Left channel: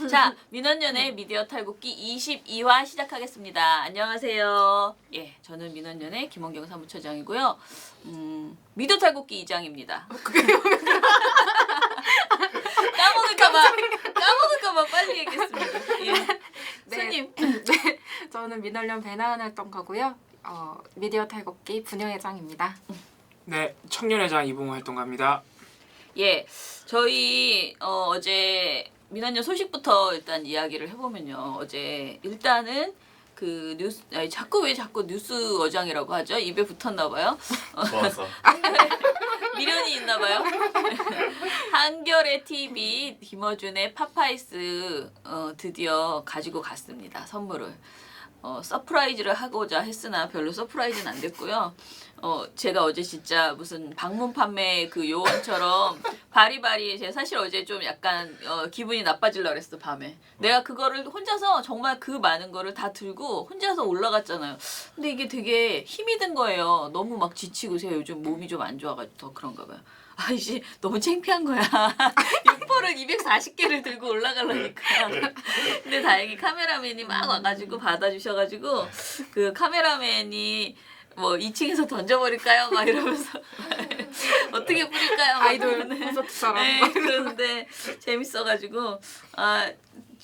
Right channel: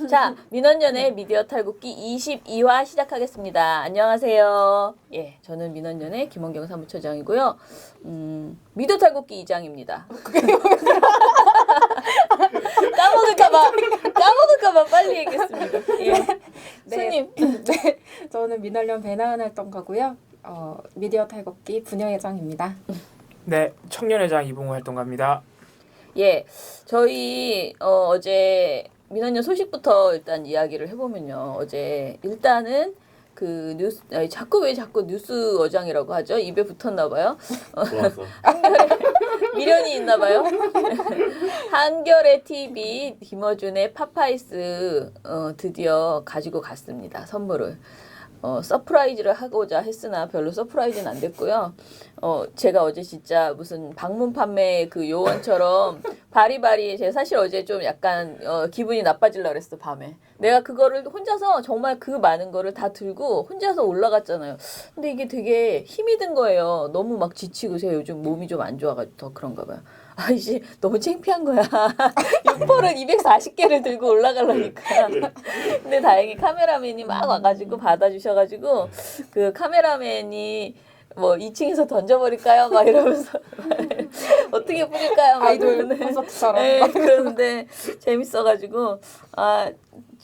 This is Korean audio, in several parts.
네. 자, 민원연의 미디어 탈곡기 22화 시작하겠습니다. 안녕하세요. 예, 저는 민원연의 김원경 사무처장이고요. 미디어 탈곡기 2장입니다. 까먹을까봐 빨리 얘기했습니다. 예. 네. 손님. 네, 저는 민원련 배나은 활동가고요. 미디어 탈곡기 분녀회장입니다. 네, 청년회장 이봉호 활동가입니다. 예, 저희 어제 민원연 소식부터 일단 이야기를 해보면요. 어제 일단은 그 뉴스 자꾸 뉴스 어장이라고 하죠. 입에 붙었나 봐요. 좋았어. 미련이 있나 봐요. 한겨레 TV 김어준의 파파이스 드디어 가지고 갔습니다. 선물을. 서프라이즈를 하고자 했으나 별로 서프라이즈는 안 됐고요. 제가 어제 진짜 무슨 방문 판매 그 요원처럼 바리바리 제가 사실 어제 좀 약간 기분이 나빠지려고 그랬어 밤에. 내가 그거를 혼자서 정말 그 많은 거를 다 들고 혼자서 올라갔잖아요. 근데 이게 되게 힘이 든 거예요. 너무 막 지치고 제가 요즘 몸이 좀 안 좋아가지고 더 그런가 봐요. 아이씨 너무 창피한 거야. 육포를 240개를 들고 올라가려니까. 근데 다행히 카메라맨이 막 와가지고 받아주셔가지고 그 카메라맨이 뭐 2층에서 던져버릴까요? 막 이러면서 어떻게 뿌릴까요? 막 아이돌 이러는데. 콘서트처럼. 네, 그런데 재밌어가지고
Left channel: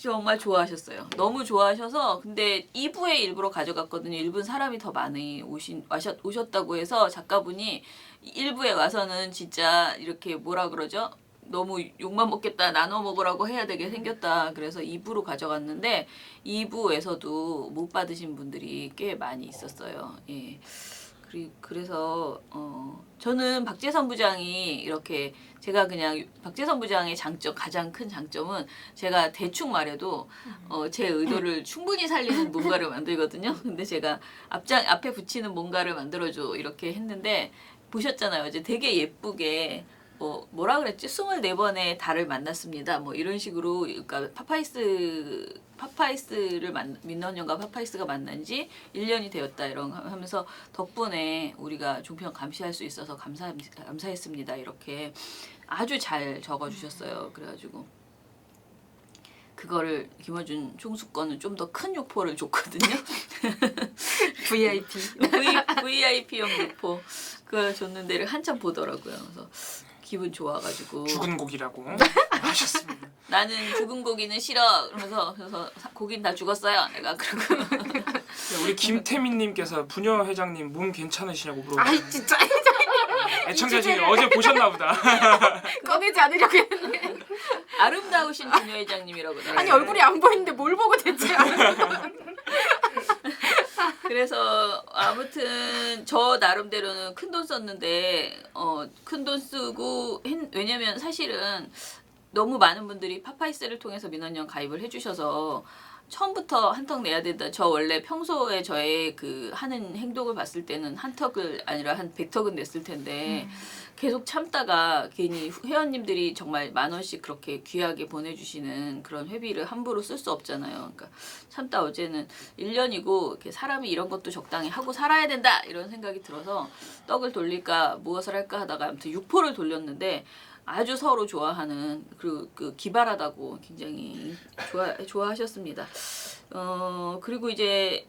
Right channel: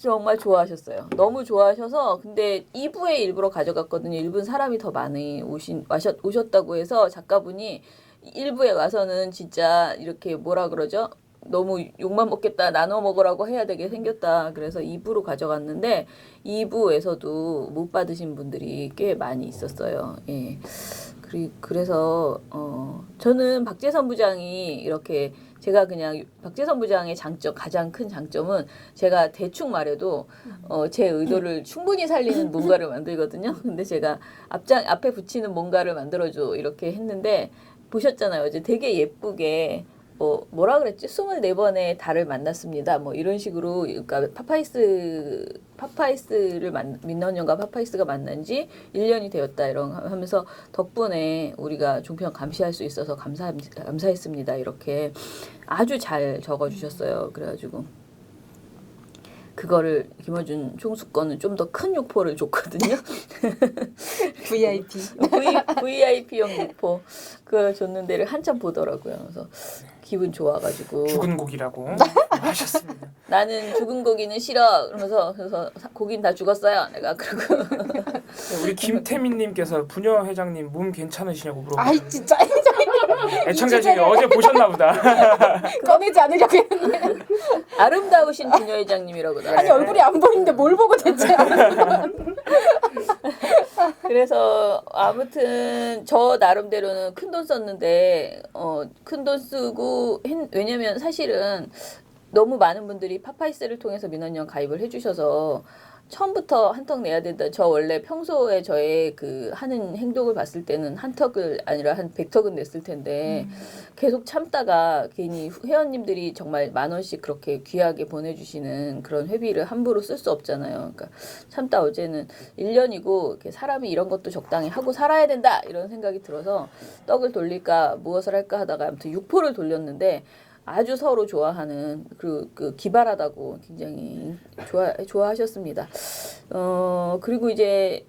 정말 좋아하셨어요. 너무 좋아하셔서 근데 2부에 일부러 가져갔거든요. 1부는 사람이 더 많이 오셨다고 해서 작가분이 1부에 와서는 진짜 이렇게 뭐라 그러죠? 너무 욕만 먹겠다 나눠 먹으라고 해야 되게 생겼다. 그래서 2부로 가져갔는데 2부에서도 못 받으신 분들이 꽤 많이 있었어요. 예. 그래서 저는 박재선 부장이 이렇게 제가 그냥 박재선 부장의 가장 큰 장점은 제가 대충 말해도 제 의도를 충분히 살리는 뭔가를 만들거든요. 근데 제가 앞에 붙이는 뭔가를 만들어줘 이렇게 했는데 보셨잖아요. 어제 되게 예쁘게 뭐라 그랬지? 24번의 달을 만났습니다. 뭐 이런 식으로 그러니까 민원연과 파파이스가 만난 지 1년이 되었다 이런 하면서 덕분에 우리가 종편 감시할 수 있어서 감사했습니다. 이렇게 아주 잘 적어 주셨어요. 그래가지고 그거를 김어준 총수권은 좀 더 큰 육포를 줬거든요. VIP. VIP용 육포 그걸 줬는데 한참 보더라고요. 그래서 기분 좋아가지고 죽은 고기라고 하셨습니다. 나는 죽은 고기는 싫어. 그래서 고기는 다 죽었어요. 내가 그러고 네, 우리 김태민님께서 분녀 회장님 몸 괜찮으시냐고 물어보고 아이 진짜 애청자 중에 어제 보셨나 보다. 꺼내지 않으려고 했는데. 아름다우신 분녀 회장님이라고 나와요. 아니 얼굴이 안 보이는데 뭘 보고 대체. 그래서 아무튼 저 나름대로는 큰 돈 썼는데 큰 돈 쓰고 왜냐면 사실은 너무 많은 분들이 파파이스를 통해서 민원연 가입을 해주셔서 처음부터 한턱 내야 된다. 저 원래 평소에 저의 그 하는 행동을 봤을 때는 한 턱을 아니라 한 100턱은 냈을 텐데 계속 참다가 괜히 회원님들이 정말 10,000원씩 그렇게 귀하게 보내주시는 그런 회비를 함부로 쓸 수 없잖아요. 그러니까 참다 어제는 1년이고 이렇게 사람이 이런 것도 적당히 하고 살아야 된다 이런 생각이 들어서 떡을 돌릴까 무엇을 할까 하다가 아무튼 육포를 돌렸는데 아주 서로 좋아하는 그 기발하다고 굉장히 좋아하셨습니다. 그리고 이제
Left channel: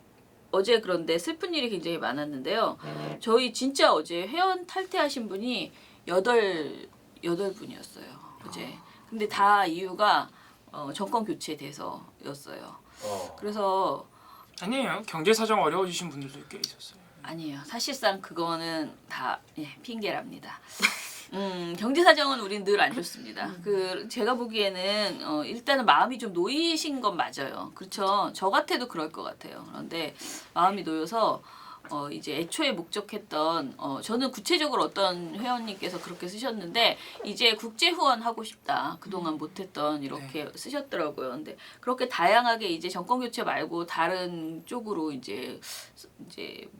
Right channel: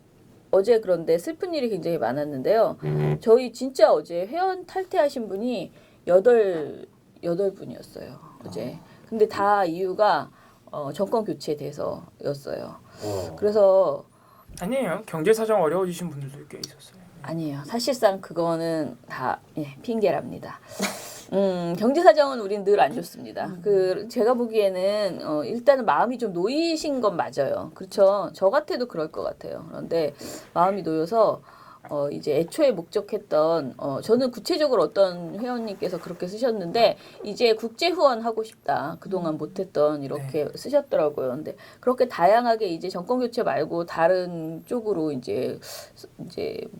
어제 그런데 슬픈 일이 굉장히 많았는데요. 저희 진짜 어제 회원 탈퇴하신 분이 8분이었어요. 어제. 근데 다 이유가 정권 교체에 대해서였어요. 그래서 아니에요. 경제 사정 어려워지신 분들도 꽤 있었어요. 아니에요. 사실상 그거는 다 핑계랍니다. 경제 사정은 우린 늘 안 좋습니다. 제가 보기에는 일단은 마음이 좀 놓이신 건 맞아요. 그렇죠. 저 같아도 그럴 것 같아요. 그런데 마음이 놓여서 이제 애초에 목적했던 저는 구체적으로 어떤 회원님께서 그렇게 쓰셨는데 이제 국제 후원 하고 싶다. 그동안 못했던 이렇게 쓰셨더라고요. 근데 그렇게 다양하게 이제 정권 교체 말고 다른 쪽으로 이제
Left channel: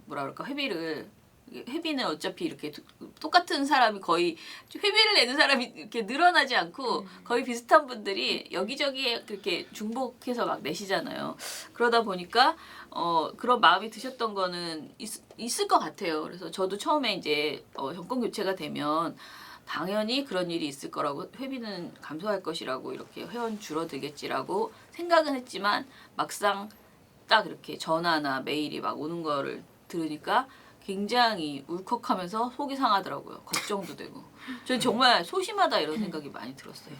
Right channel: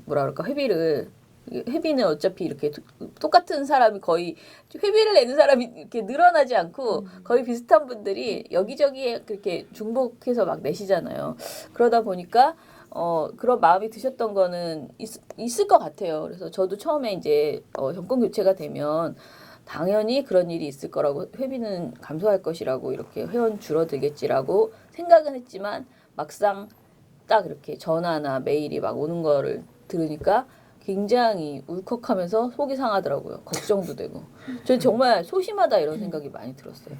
뭐라 그럴까 회비는 어차피 이렇게 똑같은 사람이 거의 회비를 내는 사람이 이렇게 늘어나지 않고 거의 비슷한 분들이 여기저기에 그렇게 중복해서 막 내시잖아요. 그러다 보니까 그런 마음이 드셨던 거는 있을 것 같아요. 그래서 저도 처음에 이제 정권 교체가 되면 당연히 그런 일이 있을 거라고 회비는 감소할 것이라고 이렇게 회원 줄어들겠지라고 생각은 했지만 막상 딱 이렇게 전화나 메일이 막 오는 거를 들으니까 굉장히 울컥하면서 속이 상하더라고요. 걱정도 되고. 저 정말 소심하다 이런 생각이 많이 들었어요.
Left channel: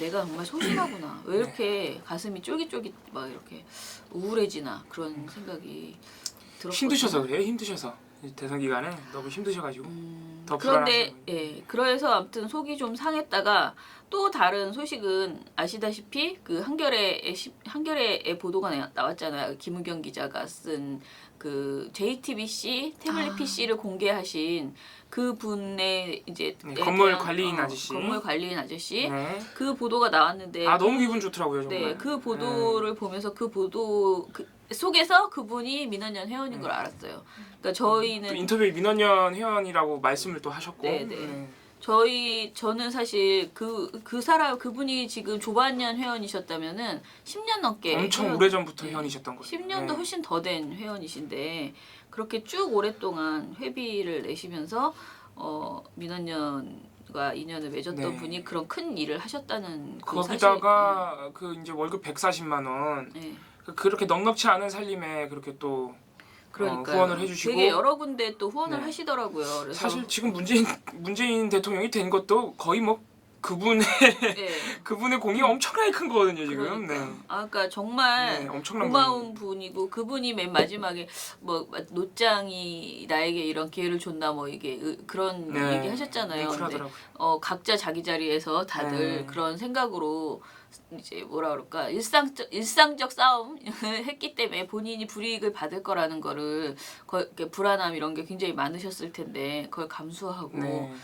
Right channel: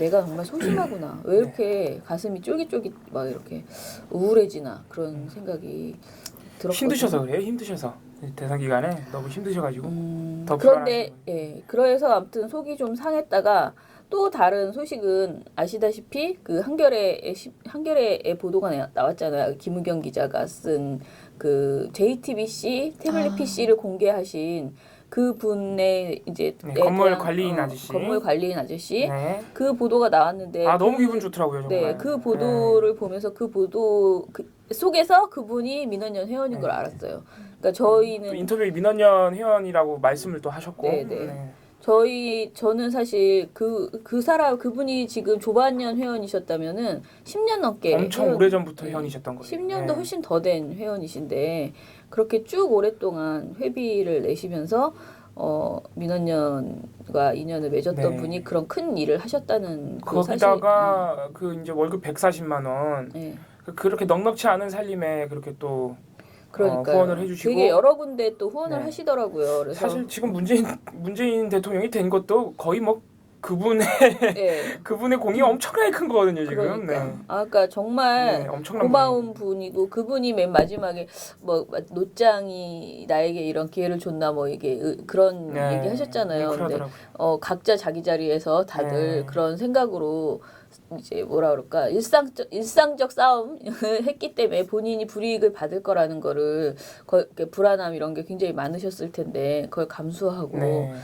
내가 정말 소심하구나. 왜 이렇게 가슴이 쫄깃쫄깃 막 이렇게 우울해지나 그런 생각이 들었거든요. 힘드셔서 그래요? 힘드셔서 대선 기간에 너무 힘드셔가지고 더 그런데 불안하시고. 예 그래서 아무튼 속이 좀 상했다가 또 다른 소식은 아시다시피 그 한겨레의 보도가 나왔잖아요. 김우경 기자가 쓴 그 JTBC 태블릿 PC를 공개하신 그 분의 이제 네, 건물 관리인 아저씨. 건물 관리인 아저씨 네. 그 보도가 나왔는데 아 너무 기분 좋더라고요 정말. 네, 그 보도를 보면서 그 보도 속에서 그분이 민원연 회원인 걸 알았어요. 그러니까 저희는 또 인터뷰 민원연 회원이라고 말씀을 또 하셨고. 네, 네. 저는 사실 그분이 지금 조반년 회원이셨다면은 10년 넘게 엄청 오래전부터 회원이셨던 거예요. 10년도 네. 훨씬 더 된 회원이신데 그렇게 쭉 오랫동안 회비를 내시면서 민원연과 인연을 맺었던 네. 분이 그런 큰 일을 하셨다는 그 거기다가 그 이제 월급 140만 원. 네. 그렇게 넉넉치 않은 살림에 그렇게 또 그러니까요. 후원을 해주시고 되게 여러 군데 또 후원을 네. 하시더라고요. 그래서 사실 지금 문재인 대통령이 된 것도 거의 뭐 그분의 네. 그분의 공이 엄청나게 큰 거거든요 지금. 그러니까. 네. 그러니까 정말 네, 엄청난 고마운 분이고 그분이 맨 마지막에 뭐 노짱이 나에게 이런 기회를 줬나 뭐 이게 그런 네. 얘기 하셨잖아요. 근데 그러더라고요. 각자 자기 자리에서 다들 네. 그런 생각으로 이제 뭐라 그럴까 일상적 싸움 했기 때문에 본인이 불이익을 받을 거라는 거를 이렇게 불안함 이런 게 굉장히 많으셨을 텐데 그걸 감수하고 네.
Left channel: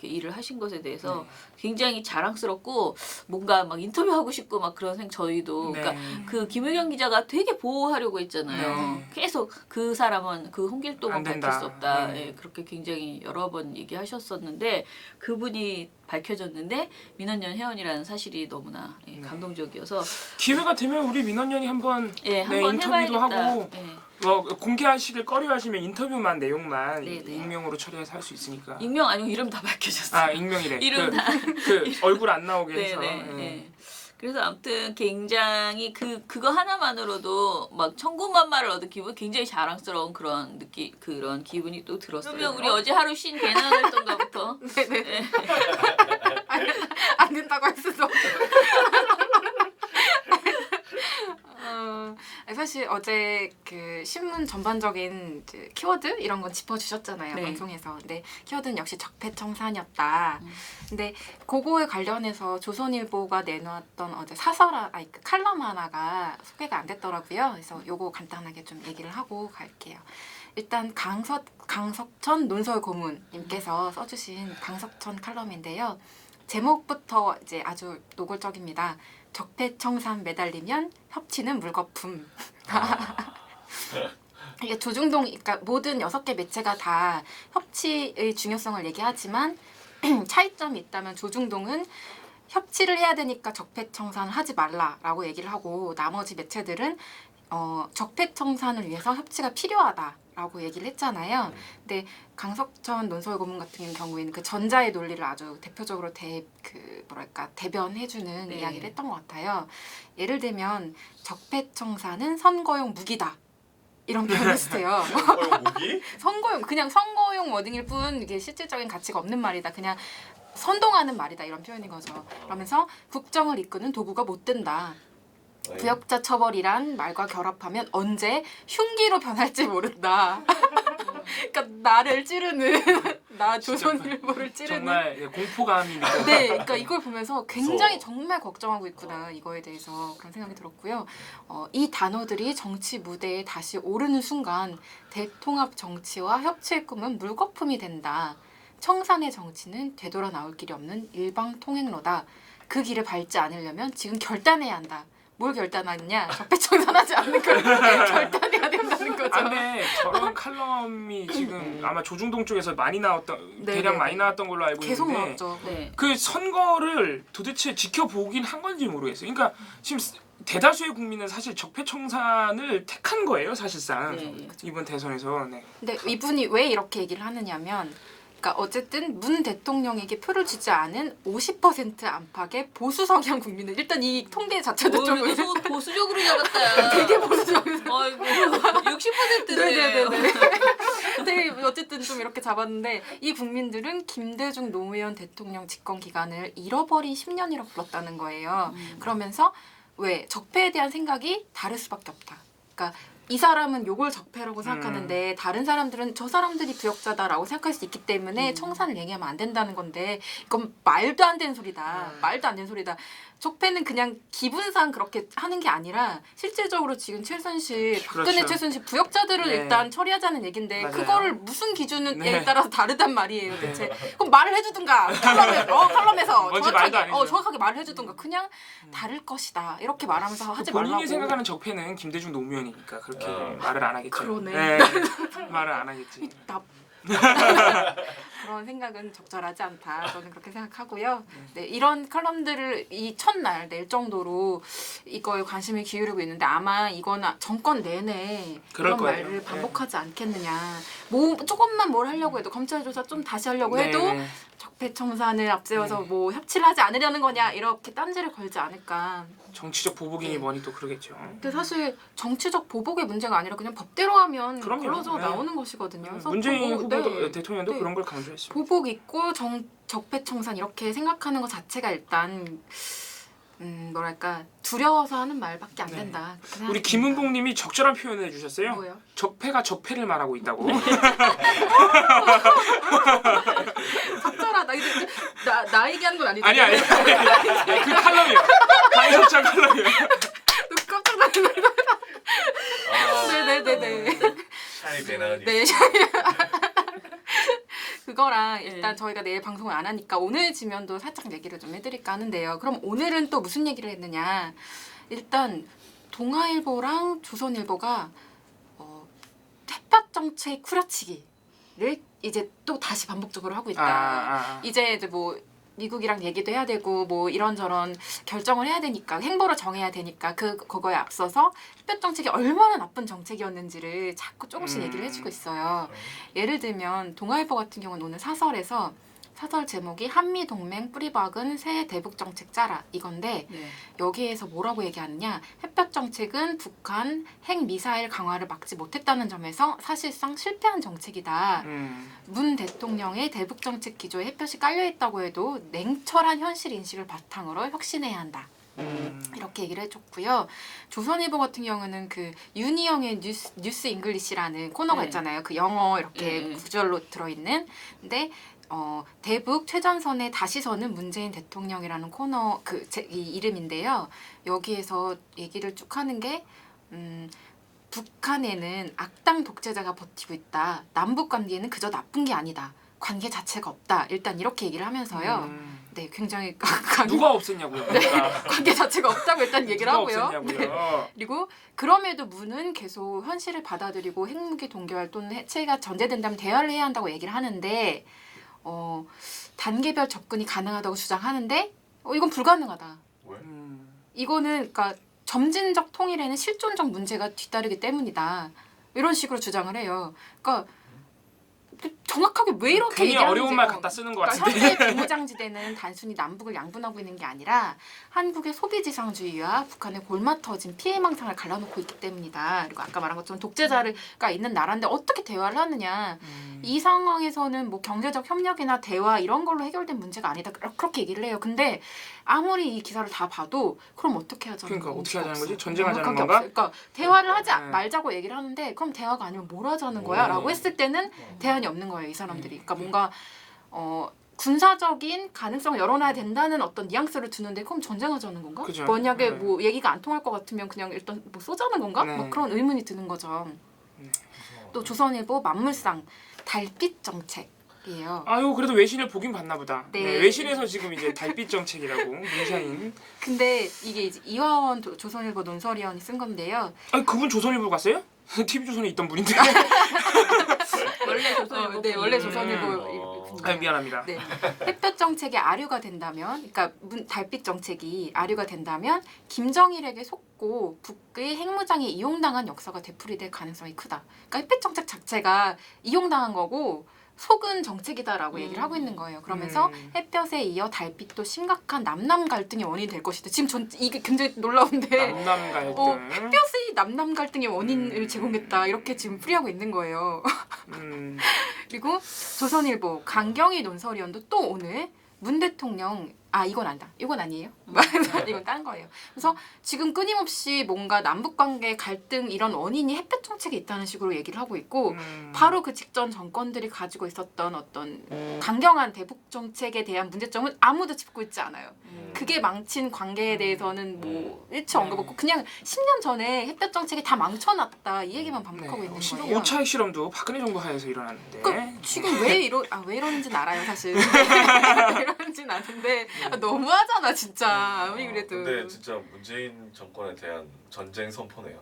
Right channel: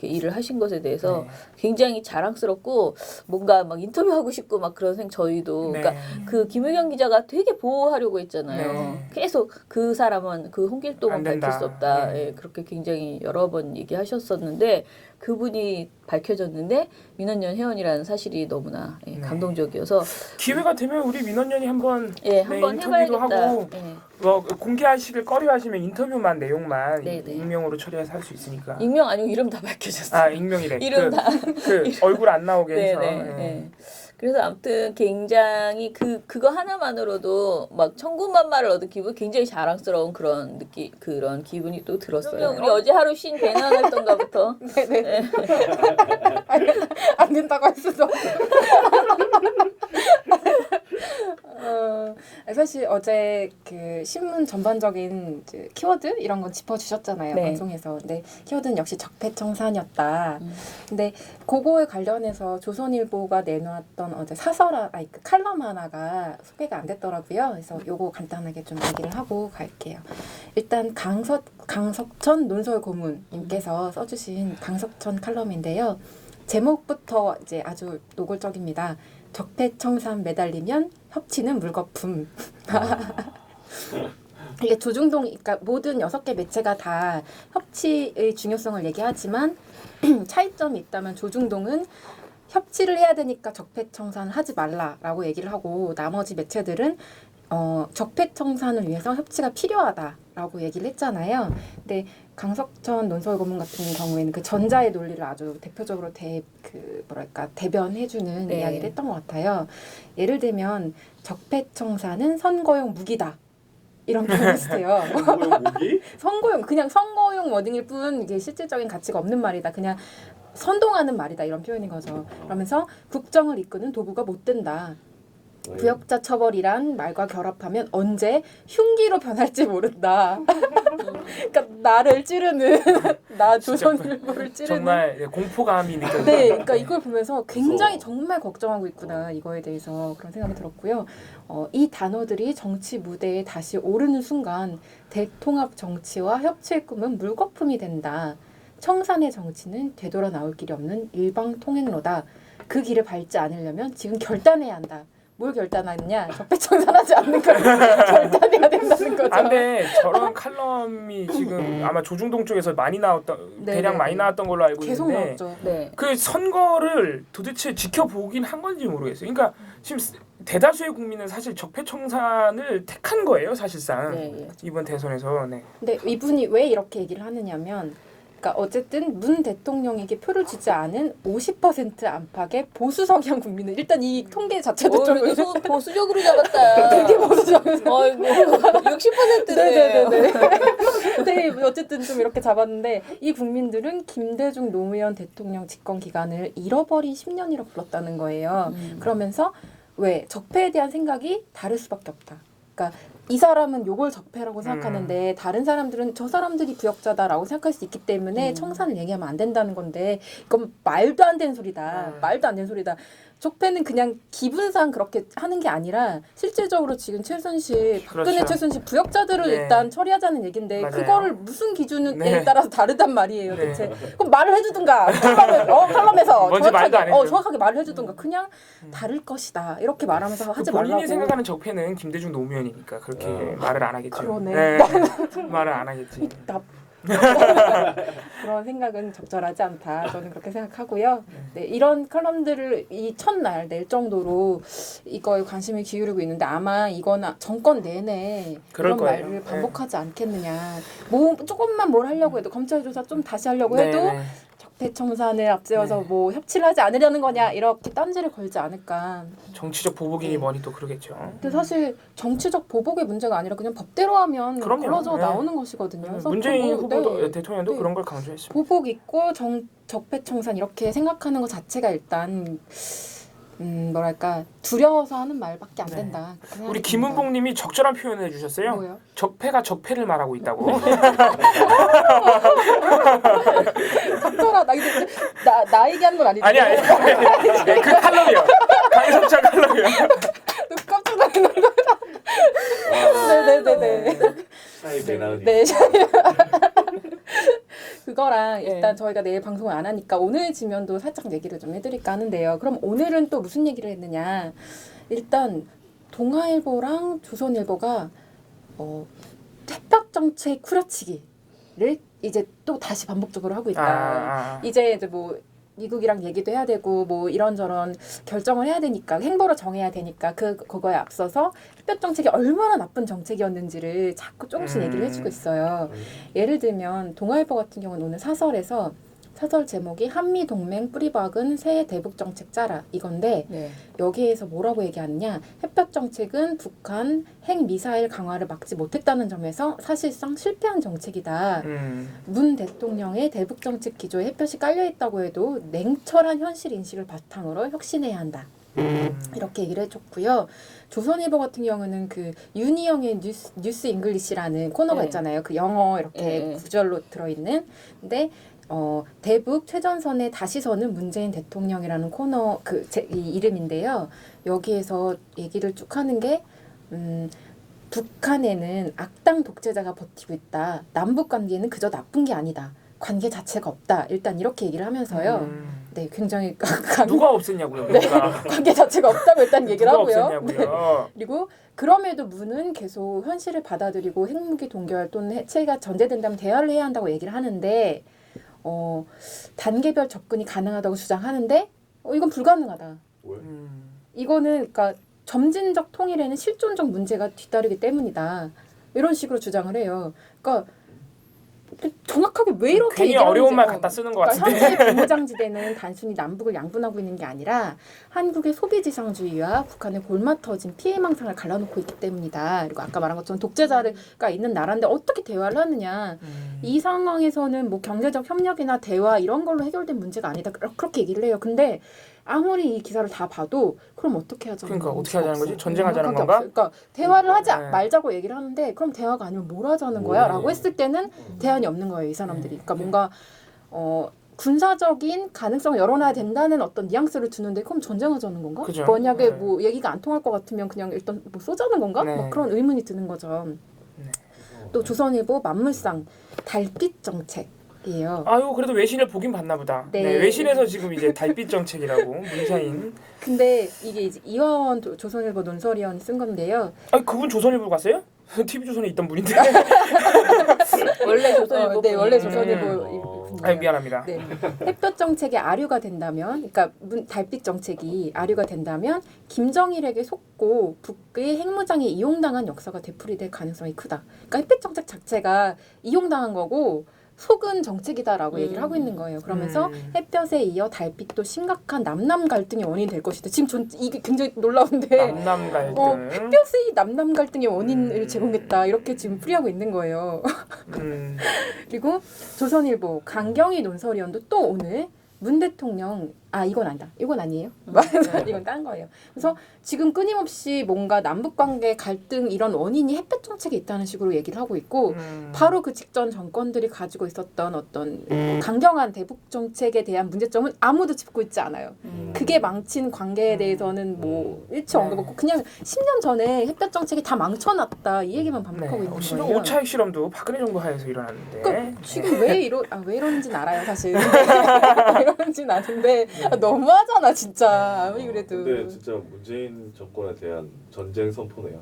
이렇게 일을 하신 것에 대해서 네. 굉장히 자랑스럽고 뭔가 막 인터뷰하고 싶고 막 그런 저희도 네. 그러니까 그 김우경 기자가 되게 보호하려고 했잖아요. 네. 계속 그 사람은 그 홍길동은 안 된다. 밝힐 수 없다. 네. 예, 그렇게 굉장히 여러 번 얘기하셨었는데 그분이 밝혀졌는데 민원연 회원이라는 사실이 너무나 네. 감동적이어서 기회가 되면 우리 민원연이 한번 예, 네, 한번 인터뷰도 해봐야겠다. 하고 예. 뭐 공개하시길 꺼려하시면 인터뷰만 내용만 네, 네. 익명으로 처리해서 할 수 있으니까. 익명 아니고 이름 다 밝혀졌어요. 아 익명이래. 이름 다. 그 얼굴 안 나오게 해서. 네네. 네. 그래서 아무튼 굉장히 그거 하나만으로도 막 천군만마를 얻은 기분 굉장히 자랑스러운 그런 그런 기분이 또 들었어요. 그러면 우리 어제 하루 쉰 배낭 활동가부터 네네. 네. 안 된다고 할 수도. 사실 어제 그 신문 전반적인 그 키워드 이런 건 짚어주셨잖아요. 네. 방송에서. 근데 키워드는 역시 적폐청산이었다. 근데 그거에 관련해서 조선일보가 내놓았던 어제 그 칼럼 하나가 소개가 안 됐더라고요. 그래서 요거 간단하게 좀 얘기를 하고 갈게요. 일단 강석천 논설 고문님께서 써주신 강석천 칼럼인데요. 제목부터 이제 아주 노골적입니다. 적폐청산 매달리면 협치는 물거품. 이게 조중동, 그러니까 모든 6개 매체가 다 협치의 중요성을 얘기하지만 차이점이 있다면 조중동은 협치를 해야 되니까 적폐청산을 하지 말라라고 얘기를 하고 나머지 매체들은 적폐청산을 위해서 협치가 필요하다라고 얘기를 했잖아요. 근데 강석천 논설 고문 같은 경우에는 그 전자의 논리를 아주 대표적으로 대변해주는 네. 이야기를 했던 것 같아요. 예를 들면 적폐청산은 선거용 무기다. 이런 표현을 쓰세요. 선거용 무기? 그냥 선거용 워딩일 뿐 이게 실질적인 가치가 없는 말이다. 그냥 선동하는 말이다. 이런 표현인 거죠. 그러면서 국정을 이끄는 도구가 못 된다. 부역자 처벌이란 말과 결합하면 언제 흉기로 변할지 모른다. 그러니까 나를 찌르는 나 조선일보를 찌르는 정말 공포감이 느껴져요. 네, 그러니까 이걸 보면서 굉장히 무서워. 정말 걱정하고 있구나 이거에 대해서 그런 생각이 들었고요. 이 단어들이 정치 무대에 다시 오르는 순간 대통합 정치와 협치의 꿈은 물거품이 된다. 청산의 정치는 되돌아 나올 길이 없는 일방통행로다. 그 길을 밟지 않으려면 지금 결단해야 한다. 뭘 결단하느냐? 적폐청산하지 않는 걸 결단해야 된다는 거죠. 근데 저런 칼럼이 지금 아마 조중동 쪽에서 많이 나왔던 네, 대략 네. 많이 나왔던 걸로 알고 계속 있는데 나왔죠. 네. 그 선거를 도대체 지켜보긴 한 건지 모르겠어요. 그러니까 지금 대다수의 국민은 사실 적폐청산을 택한 거예요, 사실상. 네. 이번 대선에서. 네. 근데 이분이 왜 이렇게 얘기를 하느냐면 그러니까 어쨌든 문 대통령에게 표를 주지 않은 50% 안팎의 보수 성향 국민은 일단 이 통계 자체도 좀 보수적으로 잡았다. 되게 보수적. 60%네. 네네네. 근데 어쨌든 좀 이렇게 잡았는데 이 국민들은 김대중 노무현 대통령 집권 기간을 잃어버린 10년이라고 불렀다는 거예요. 그러면서 왜 적폐에 대한 생각이 다를 수밖에 없다. 그러니까 이 사람은 요걸 적폐라고 생각하는데 다른 사람들은 저 사람들이 부역자다라고 생각할 수 있기 때문에 청산을 얘기하면 안 된다는 건데 이건 말도 안 되는 소리다. 말도 안 되는 소리다. 적폐는 그냥 기분상 그렇게 하는 게 아니라 실질적으로 지금 최순실, 박근혜 그렇죠. 최순실 부역자들을 네. 일단 처리하자는 얘긴데 맞아요. 그거를 무슨 기준에 네. 따라서 다르단 말이에요. 네. 대체. 그럼 말을 해주든가 칼럼에서 뭔지 말도 안 해줘. 정확하게 말을 해주든가 그냥 다를 것이다 이렇게 말하면서 하지 본인이 말라고. 생각하는 적폐는 김대중 노무현이니까 그렇게 말을 안 하겠죠. 그러네. 말을 안 하겠지. 그런 생각은 적절하지 않다. 저는 그렇게 생각하고요. 네, 이런 칼럼들을 이 첫날 낼 정도로 이거에 관심을 기울이고 있는데 아마 이건 정권 내내 그럴 이런 거예요. 말을 반복하지 않겠느냐. 뭐 조금만 뭘 하려고 해도 검찰 조사 좀 다시 하려고 네, 해도 네. 적폐청산을 앞세워서 네. 뭐 협치를 하지 않으려는 거냐 이렇게 딴지를 걸지 않을까. 정치적 보복이니 네. 뭐니 또 그러겠죠. 근데 사실 정치적 보복의 문제가 아니라 그냥 법대로 하면 그럼요. 걸러져 네. 나오는 것이거든요. 그래서 문재인 뭐, 후보도 네. 대통령도 네. 그런 걸 강조했습니다. 보복 있고 적폐청산 이렇게 생각하는 것 자체가 일단 뭐랄까 두려워서 하는 말밖에 안 네. 된다. 그렇게 생각이 우리 듭니다. 김은봉님이 적절한 표현을 해주셨어요. 뭐예요? 적폐가 적폐를 말하고 있다고. 적절하다. 이제 나 얘기하는 건 아니죠? 아니. 네, 그 칼럼이요. 강석장 칼럼이요. 깜짝 놀랐네. 네네네네. 샤이 배나은이. 네. 그거랑 일단 저희가 내일 방송을 안 하니까 오늘 지면도 살짝 얘기를 좀 해드릴까 하는데요. 그럼 오늘은 또 무슨 얘기를 했느냐. 일단 동아일보랑 조선일보가 햇볕 정책 후려치기를 이제 또 다시 반복적으로 하고 있다. 이제 뭐 미국이랑 얘기도 해야 되고 뭐 이런저런 결정을 해야 되니까 행보를 정해야 되니까 그거에 앞서서 햇볕 정책이 얼마나 나쁜 정책이었는지를 자꾸 조금씩 얘기를 해주고 있어요. 예를 들면 동아일보 같은 경우는 오늘 사설에서 사설 제목이 한미동맹 뿌리박은 새 대북정책 짜라 이건데 네. 여기에서 뭐라고 얘기하느냐 햇볕 정책은 북한 핵미사일 강화를 막지 못했다는 점에서 사실상 실패한 정책이다. 문 대통령의 대북정책 기조에 햇볕이 깔려있다고 해도 냉철한 현실 인식을 바탕으로 혁신해야 한다. 이렇게 얘기를 해줬고요. 조선일보 같은 경우는 그 윤희영의 뉴스 잉글리시라는 코너가 네. 있잖아요. 그 영어 이렇게 네. 구절로 들어있는. 근데 대북 최전선에 다시 서는 문재인 대통령이라는 코너 이 이름인데요. 여기에서 얘기를 쭉 하는 게 북한에는 악당 독재자가 버티고 있다. 남북 관계는 그저 나쁜 게 아니다. 관계 자체가 없다. 일단 이렇게 얘기를 하면서요. 네, 굉장히 누가 없앴냐고요? 네, 관계 자체가 없다고 일단 얘기를 누가 하고요. 없앴냐고요? 네. 그리고 그럼에도 문은 계속 현실을 받아들이고 핵무기 동결 또는 해체가 전제된다면 대화를 해야 한다고 얘기를 하는데 단계별 접근이 가능하다고 주장하는데 이건 불가능하다. 이거는 그러니까 점진적 통일에는 실존적 문제가 뒤따르기 때문이다. 이런 식으로 주장을 해요. 그러니까 정확하게 왜 이렇게 괜히 얘기하는지 어려운 말 갖다 쓰는 것 그러니까 같은데. 현재 비무장지대는 단순히 남북을 양분하고 있는 게 아니라 한국의 소비지상주의와 북한의 골마 터진 피해망상을 갈라놓고 있기 때문이다. 그리고 아까 말한 것처럼 독재자가 있는 나라인데 어떻게 대화를 하느냐. 이 상황에서는 뭐 경제적 협력이나 대화 이런 걸로 해결된 문제가 아니다. 그렇게 얘기를 해요. 근데 아무리 이 기사를 다 봐도 그럼 어떻게 하자는 그러니까 건지 어떻게 하자는 거지? 없어. 전쟁하자는 명확하게 건가? 없어요. 그러니까 대화를 하지 네. 말자고 얘기를 하는데 그럼 대화가 아니면 뭘 하자는 거야? 네. 라고 했을 때는 대안이 없는 거예요. 이 사람들이. 그러니까 뭔가 군사적인 가능성을 열어놔야 된다는 어떤 뉘앙스를 주는데 그럼 전쟁하자는 건가? 그죠. 만약에 네. 뭐 얘기가 안 통할 것 같으면 그냥 일단 뭐 쏘자는 건가? 네. 막 그런 의문이 드는 거죠. 네. 또 조선일보 만물상 달빛 정책이에요. 아유 그래도 외신을 보긴 봤나 보다. 네. 네, 외신에서 지금 이제 달빛 정책이라고 문샤인. 근데 이게 이제 이화원 조선일보 논설위원이 쓴 건데요. 아니 그분 조선일보 갔어요? TV 조선에 있던 분인데. 원래 조선일보. 네, 원래 음. 조선일보. 아유 미안합니다. 네. 햇볕 정책이 아류가 된다면, 그러니까 달빛 정책이 아류가 된다면 김정일에게 속고 북의 핵무장에 이용당한 역사가 되풀이될 가능성이 크다. 그러니까 햇볕 정책 자체가 이용당한 거고 속은 정책이다라고 얘기를 하고 있는 거예요. 그러면서 음. 햇볕에 이어 달빛도 심각한 남남 갈등의 원인이 될 것이다. 지금 이게 굉장히 놀라운데 남남 갈등. 햇볕이 남남 갈등의 원인을 음. 제공했다. 이렇게 지금 풀이하고 있는 거예요. 음. 그리고 조선일보 강경희 논설위원도 또 오늘 문 대통령 이건 안다. 이건 아니에요. 이건 딴 거예요. 그래서 지금 끊임없이 뭔가 남북 관계 갈등 이런 원인이 햇볕 정책에 있다는 식으로 얘기를 하고 있고 바로 그 직전 정권들이 가지고 있었던 어떤 강경한 대북 정책에 대한 문제점은 아무도 짚고 있지 않아요. 그게 망친 관계에 대해서는 뭐 일치 언급 없고 그냥 10년 전에 햇볕 정책이 다 망쳐놨다 이 얘기만 반복하고 있는 실은 거예요. 오차익 실험도 박근혜 정부 하에서 일어났는데. 그러니까 지금 왜 이러는지는 알아요 사실. 왜 이러는지는 아는데 너무하잖아 진짜 아무리 그래도. 근데 진짜 문재인 정권에 대한 전쟁 선포네요.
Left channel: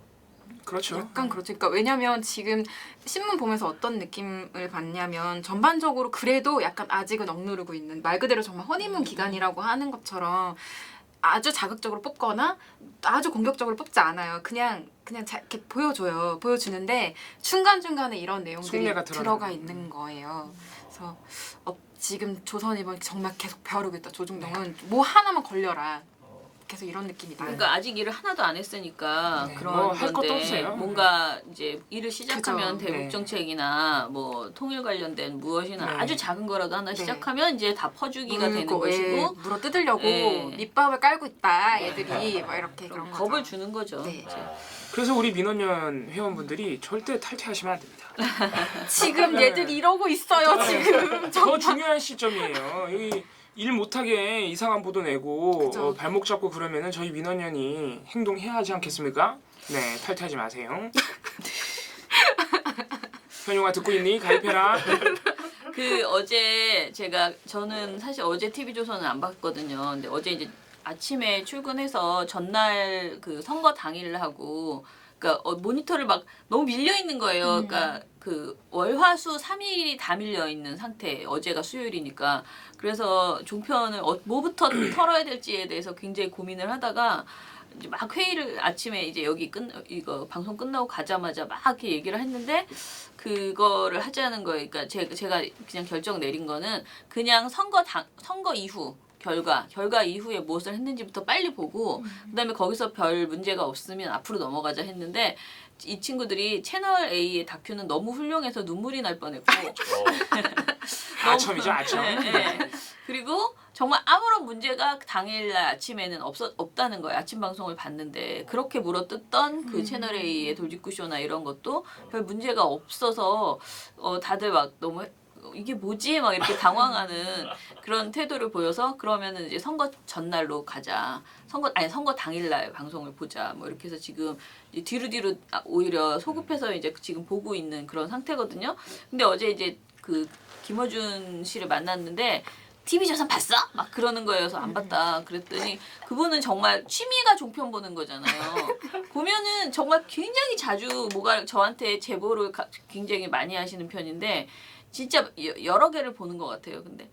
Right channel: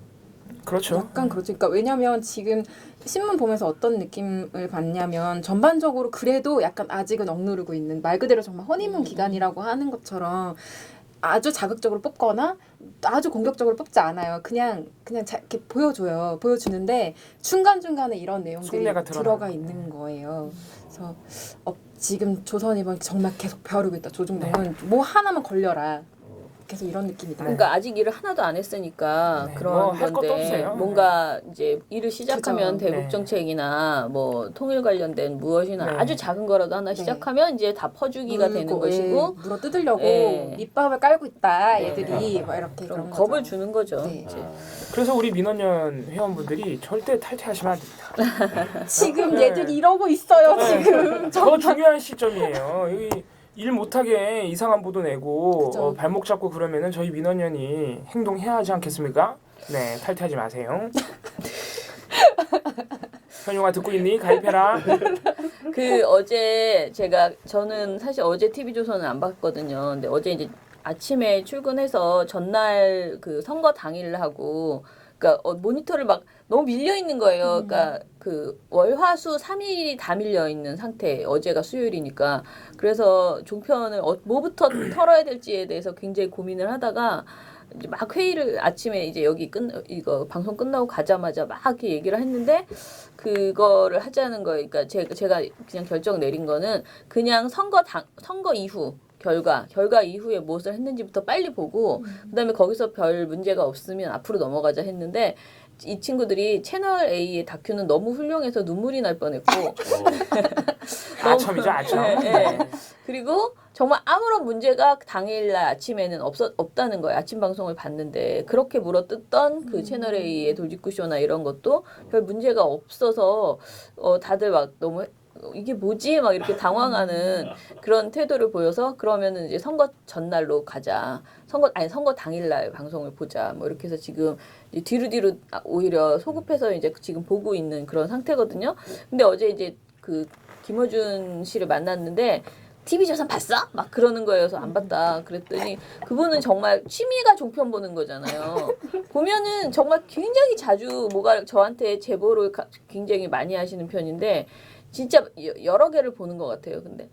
그렇죠. 약간 그렇죠. 그러니까 왜냐면 지금 신문 보면서 어떤 느낌을 받냐면 전반적으로 그래도 약간 아직은 억누르고 있는 말 그대로 정말 허니문 기간이라고 하는 것처럼 아주 자극적으로 뽑거나 아주 공격적으로 뽑지 않아요. 그냥 이렇게 보여주는데 중간중간에 이런 내용들이 속내가 들어가 드러나는. 있는 거예요. 그래서 지금 조선일보는 정말 계속 벼르고 있다. 조중동은 뭐 하나만 걸려라. 계속 이런 느낌이다. 그러니까 아직 일을 하나도 안 했으니까 네, 그런 뭐할 것도 건데 없어요. 뭔가 이제 일을 시작하면 그죠. 대북 네. 정책이나 뭐 통일 관련된 무엇이나 네. 아주 작은 거라도 하나 네. 시작하면 이제 다 퍼주기가 되는 것이고 물어 뜯으려고 예. 밑밥을 깔고 있다. 얘들이 막 이렇게 그런 거죠. 겁을 주는 거죠. 네. 이제. 그래서 우리 민원연 회원분들이 절대 탈퇴하시면 안 됩니다. 지금 네. 얘들이 이러고 있어요. 네. 지금. 더 중요한 시점이에요. 여기 일 못하게 이상한 보도 내고 그죠. 발목 잡고 그러면은 저희 민원연이 행동해야 하지 않겠습니까? 네, 탈퇴하지 마세요. 현용아 듣고 있니? 가입해라. 어제 저는 사실 어제 TV조선은 안 봤거든요. 근데 어제 이제 아침에 출근해서 전날 그 선거 당일 하고 그러니까 모니터를 막 너무 밀려 있는 거예요. 그러니까 그 월화수 3일이 다 밀려 있는 상태. 어제가 수요일이니까. 그래서 종편을 뭐부터 털어야 될지에 대해서 굉장히 고민을 하다가 이제 막 회의를 아침에 이제 이거 방송 끝나고 가자마자 막 이렇게 얘기를 했는데 그거를 하자는 거예요. 그러니까 제가 그냥 결정 내린 거는 그냥 선거 이후 결과 이후에 무엇을 했는지부터 빨리 보고 그다음에 거기서 별 문제가 없으면 앞으로 넘어가자 했는데 이 친구들이 채널 A의 다큐는 너무 훌륭해서 눈물이 날 뻔했고 아첨이죠, 아첨. 네, 네. 그리고 정말 아무런 문제가 당일날 아침에는 없다는 거예요. 아침 방송을 봤는데 그렇게 물어뜯던 그 채널 A의 돌직구쇼나 이런 것도 별 문제가 없어서 다들 막 너무 이게 뭐지? 막 이렇게 당황하는 그런 태도를 보여서 그러면은 이제 선거 전날로 가자. 선거 당일날 방송을 보자. 뭐 이렇게 해서 지금 이제 뒤로 오히려 소급해서 이제 지금 보고 있는 그런 상태거든요. 근데 어제 이제 그 김어준 씨를 만났는데 TV조선 봤어? 막 그러는 거여서 안 봤다. 그랬더니 그분은 정말 취미가 종편 보는 거잖아요. 보면은 정말 굉장히 자주 저한테 제보를 굉장히 많이 하시는 편인데 진짜 여러 개를 보는 것 같아요. 근데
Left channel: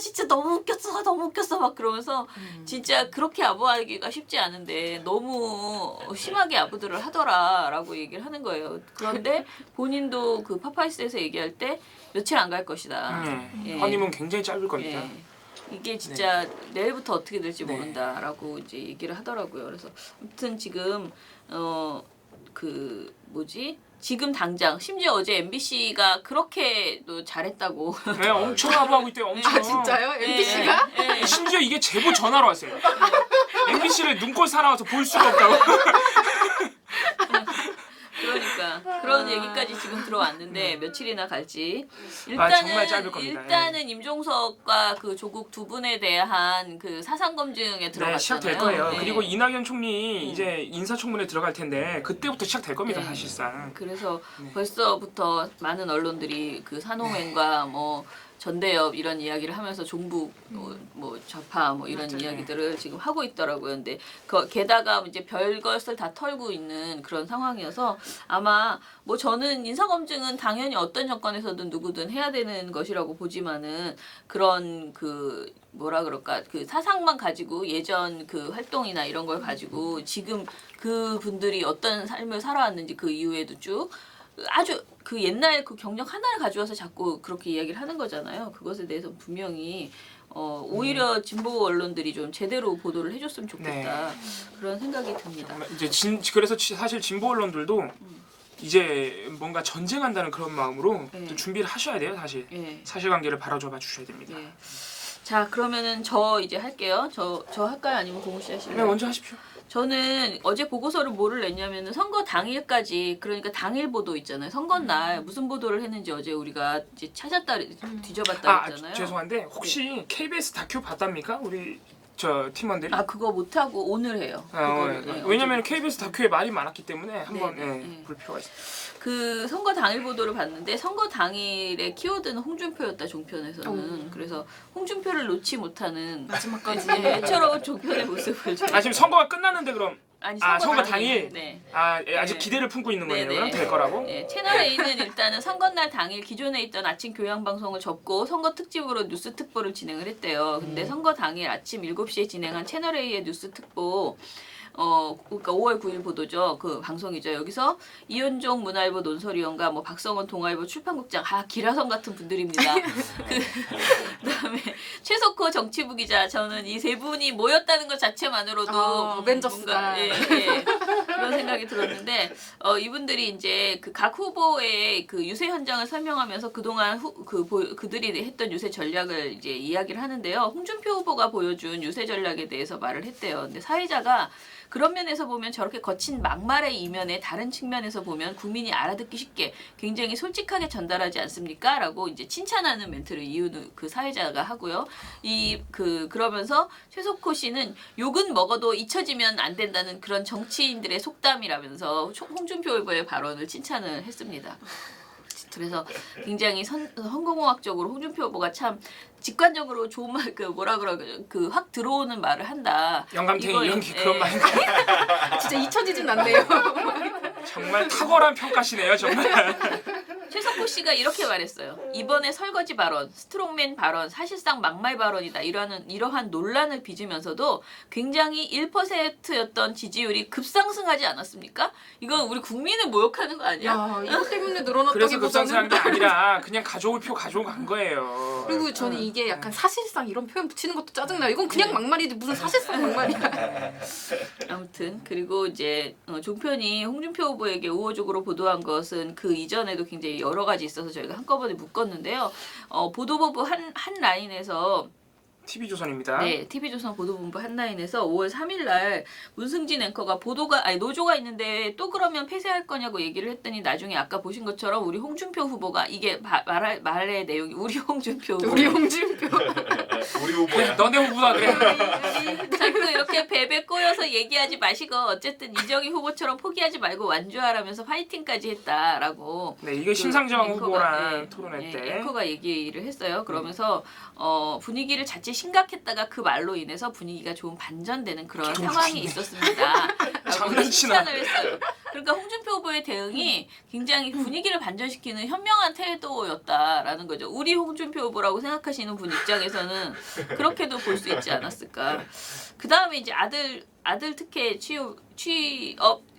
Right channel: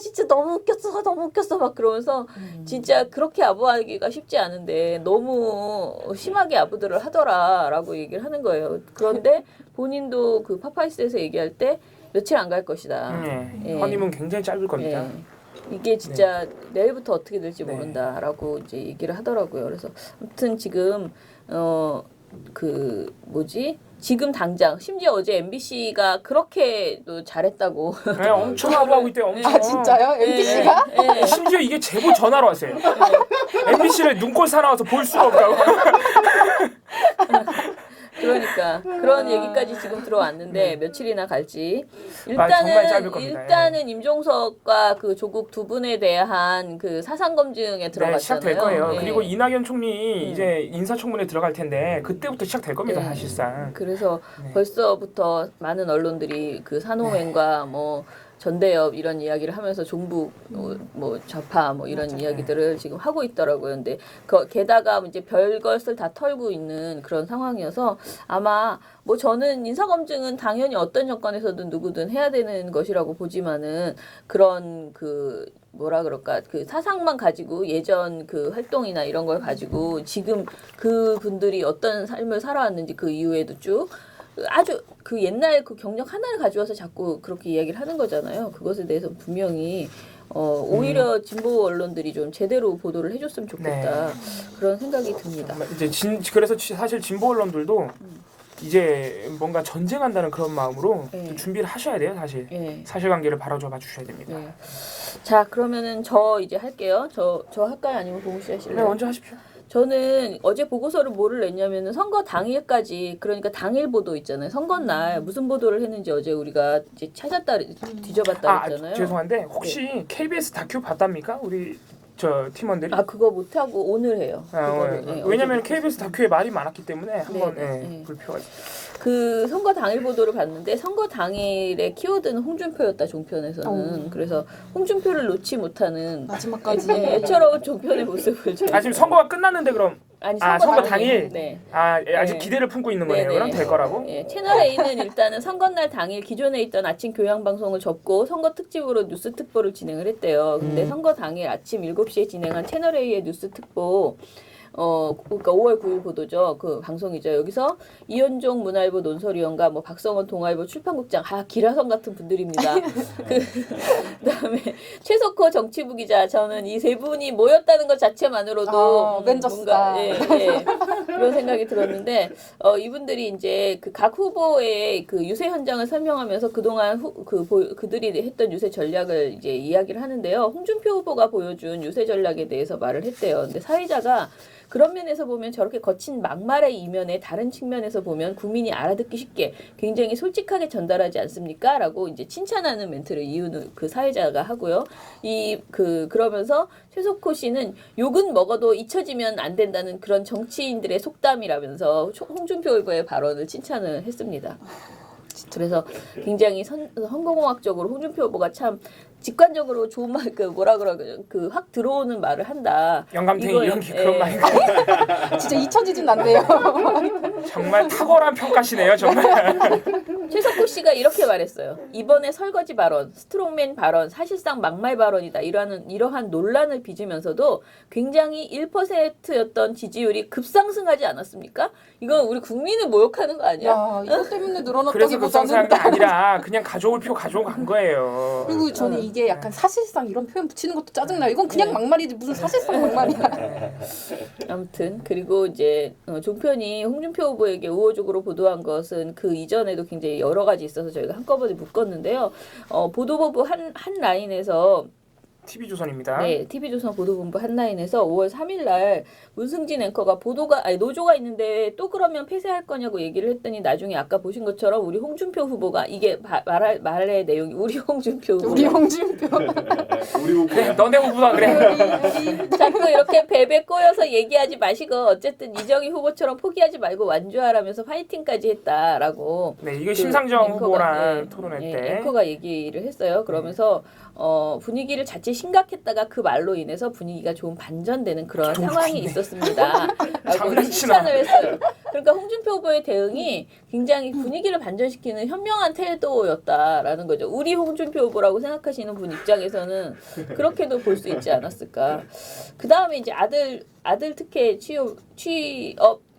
진짜 너무 웃겼어 막 그러면서 진짜 그렇게 아부하기가 쉽지 않은데 너무 심하게 아부들을 하더라라고 얘기를 하는 거예요. 그런데 본인도 그 파파이스에서 얘기할 때 며칠 안 갈 것이다. 예. 허니문 굉장히 짧을 겁니다. 예. 이게 진짜 내일부터 어떻게 될지 네. 모른다라고 이제 얘기를 하더라고요. 그래서 아무튼 지금 지금 당장 심지어 어제 MBC가 그렇게 또 잘했다고 네, 엄청 아부하고 있대요. 엄청. 진짜요? MBC가? 예, 예. 심지어 이게 제보 전화로 왔어요. MBC를 눈꼴 사나워서 볼 수가 없다고. 그러니까 그런 얘기까지 지금 들어왔는데 며칠이나 갈지 정말 짧을 겁니다. 일단은 임종석과 그 조국 두 분에 대한 그 사상 검증에 들어갔잖아요. 네, 시작될 거예요. 네. 그리고 이낙연 총리 이제 인사청문회 들어갈 텐데 그때부터 시작될 겁니다, 네. 사실상. 그래서 네. 벌써부터 많은 언론들이 그 산호맹과 뭐 전대협 이런 이야기를 하면서 종북 뭐 좌파 뭐 이런 맞아요. 이야기들을 지금 하고 있더라고요. 근데 게다가 이제 별것을 다 털고 있는 그런 상황이어서 아마 뭐 저는 인사검증은 당연히 어떤 정권에서든 누구든 해야 되는 것이라고 보지만은 그런 그 뭐라 그럴까 그 사상만 가지고 예전 그 활동이나 이런 걸 가지고 지금 그 분들이 어떤 삶을 살아왔는지 그 이후에도 쭉 아주 그 옛날 그 경력 하나를 가져와서 자꾸 그렇게 이야기를 하는 거잖아요. 그것에 대해서 분명히 오히려 진보 언론들이 좀 제대로 보도를 해줬으면 좋겠다 그런 생각이 듭니다. 이제 그래서 사실 진보 언론들도 이제 뭔가 전쟁한다는 그런 마음으로 네. 또 준비를 하셔야 돼요. 사실 네. 사실관계를 바로잡아 주셔야 됩니다. 네. 자 그러면은 저 이제 할게요. 저 할까요? 아니면 봉우 씨 네, 하실래요? 먼저 하십시오. 저는 어제 보고서를 뭐를 냈냐면은 선거 당일까지 그러니까 당일 보도 있잖아요. 선거날 무슨 보도를 했는지 어제 우리가 이제 찾았다 뒤져봤다 그랬잖아요. 죄송한데 혹시 KBS 다큐 봤답니까? 우리 저 팀원들이? 아 그거 못 하고 오늘 해요. 그거를. 네. 네, 왜냐면 어제 KBS 다큐에 말이 많았기 때문에 한번 네. 볼 필요가 있어요. 그 선거 당일 보도를 봤는데 선거 당일의 키워드는 홍준표였다 종편에서는. 그래서 홍준표를 놓지 못하는 마지막까지 애처로운 종편의 모습을 지금 선거가 끝났는데 그럼 아니 선거 당일? 네. 아직 네. 기대를 품고 있는 거예요. 네네. 그럼 될 거라고? 네, 채널 A는 일단은 선거날 당일 기존에 있던 아침 교양 방송을 접고 선거 특집으로 뉴스 특보를 진행을 했대요. 근데 선거 당일 아침 7시에 진행한 채널 A의 뉴스 특보 그러니까 5월 9일 보도죠. 그 방송이죠. 여기서 이현종 문화일보 논설위원과 뭐 박성원 동아일보 출판국장, 기라성 같은 분들입니다. 그다음에 최석호 정치부 기자, 저는 이 세 분이 모였다는 것 자체만으로도 어벤져스다. 뭔가 그런 생각이 들었는데 이분들이 이제 그 각 후보의 그 유세 현장을 설명하면서 그동안 그들이 했던 유세 전략을 이제 이야기를 하는데요. 홍준표 후보가 보여준 유세 전략에 대해서 말을 했대요. 근데 사회자가 그런 면에서 보면 저렇게 거친 막말의 이면에 다른 측면에서 보면 국민이 알아듣기 쉽게 굉장히 솔직하게 전달하지 않습니까? 라고 이제 칭찬하는 멘트를 이유는 그 사회자가 하고요. 그러면서 최석호 씨는 욕은 먹어도 잊혀지면 안 된다는 그런 정치인들의 속담이라면서 홍준표 후보의 발언을 칭찬을 했습니다. 그래서 굉장히 선거공학적으로 홍준표 후보가 참 직관적으로 좋은 말, 확 들어오는 말을 한다. 영감탱이 이거에, 이런 게 그런 말인가요? 진짜 잊혀지진 않네요. 정말 탁월한 평가시네요, 정말. 최석호 씨가 이렇게 말했어요. 이번에 설거지 발언, 스트롱맨 발언, 사실상 막말 발언이다. 이러한 논란을 빚으면서도 굉장히 1%였던 지지율이 급상승하지 않았습니까? 이건 우리 국민을 모욕하는 거 아니야? 야, 이것 때문에 그래서 늘어났다기보다는 급상승한 게 아니라 그냥 가져올 표 가져간 거예요. 그리고 저는 이게 약간 사실상 이런 표현 붙이는 것도 짜증나요. 이건 그냥 막말이지 무슨 사실상 막말이야. 아무튼 그리고 이제 종편이 홍준표 후보에게 우호적으로 보도한 것은 그 이전에도 굉장히 여러 가지 있어서 저희가 한꺼번에 묶었는데요. 보도본부 한 라인에서 TV조선입니다. 네, TV조선 보도본부 한 라인에서 5월 3일 날 문승진 앵커가 노조가 있는데 또 그러면 폐쇄할 거냐고 얘기를 했더니 나중에 아까 보신 것처럼 우리 홍준표 후보가 이게 말의 내용이 우리 홍준표 후보. 우리 홍준표. 우리 후보야. 너네 후보다 그래. 자꾸 이렇게 베베 꼬여서 얘기하지 마시고 어쨌든 이정희 후보처럼 포기하지 말고 완주하라면서 파이팅까지 했다라고. 네, 이게 심상정 앵커가, 후보랑 토론회 때. 앵커가 얘기를 했어요. 그러면서 분위기를 자칫 심각했다가 그 말로 인해서 분위기가 좀 반전되는 그런 상황이 있었습니다. 라고 장난치나. 칭찬을 했어요. 그러니까 홍준표 후보의 대응이 굉장히 분위기를 반전시키는 현명한 태도였다라는 거죠. 우리 홍준표 후보라고 생각하시는 분 입장에서는 그렇게도 볼 수 있지 않았을까. 그 다음에 이제 아들 특혜 취업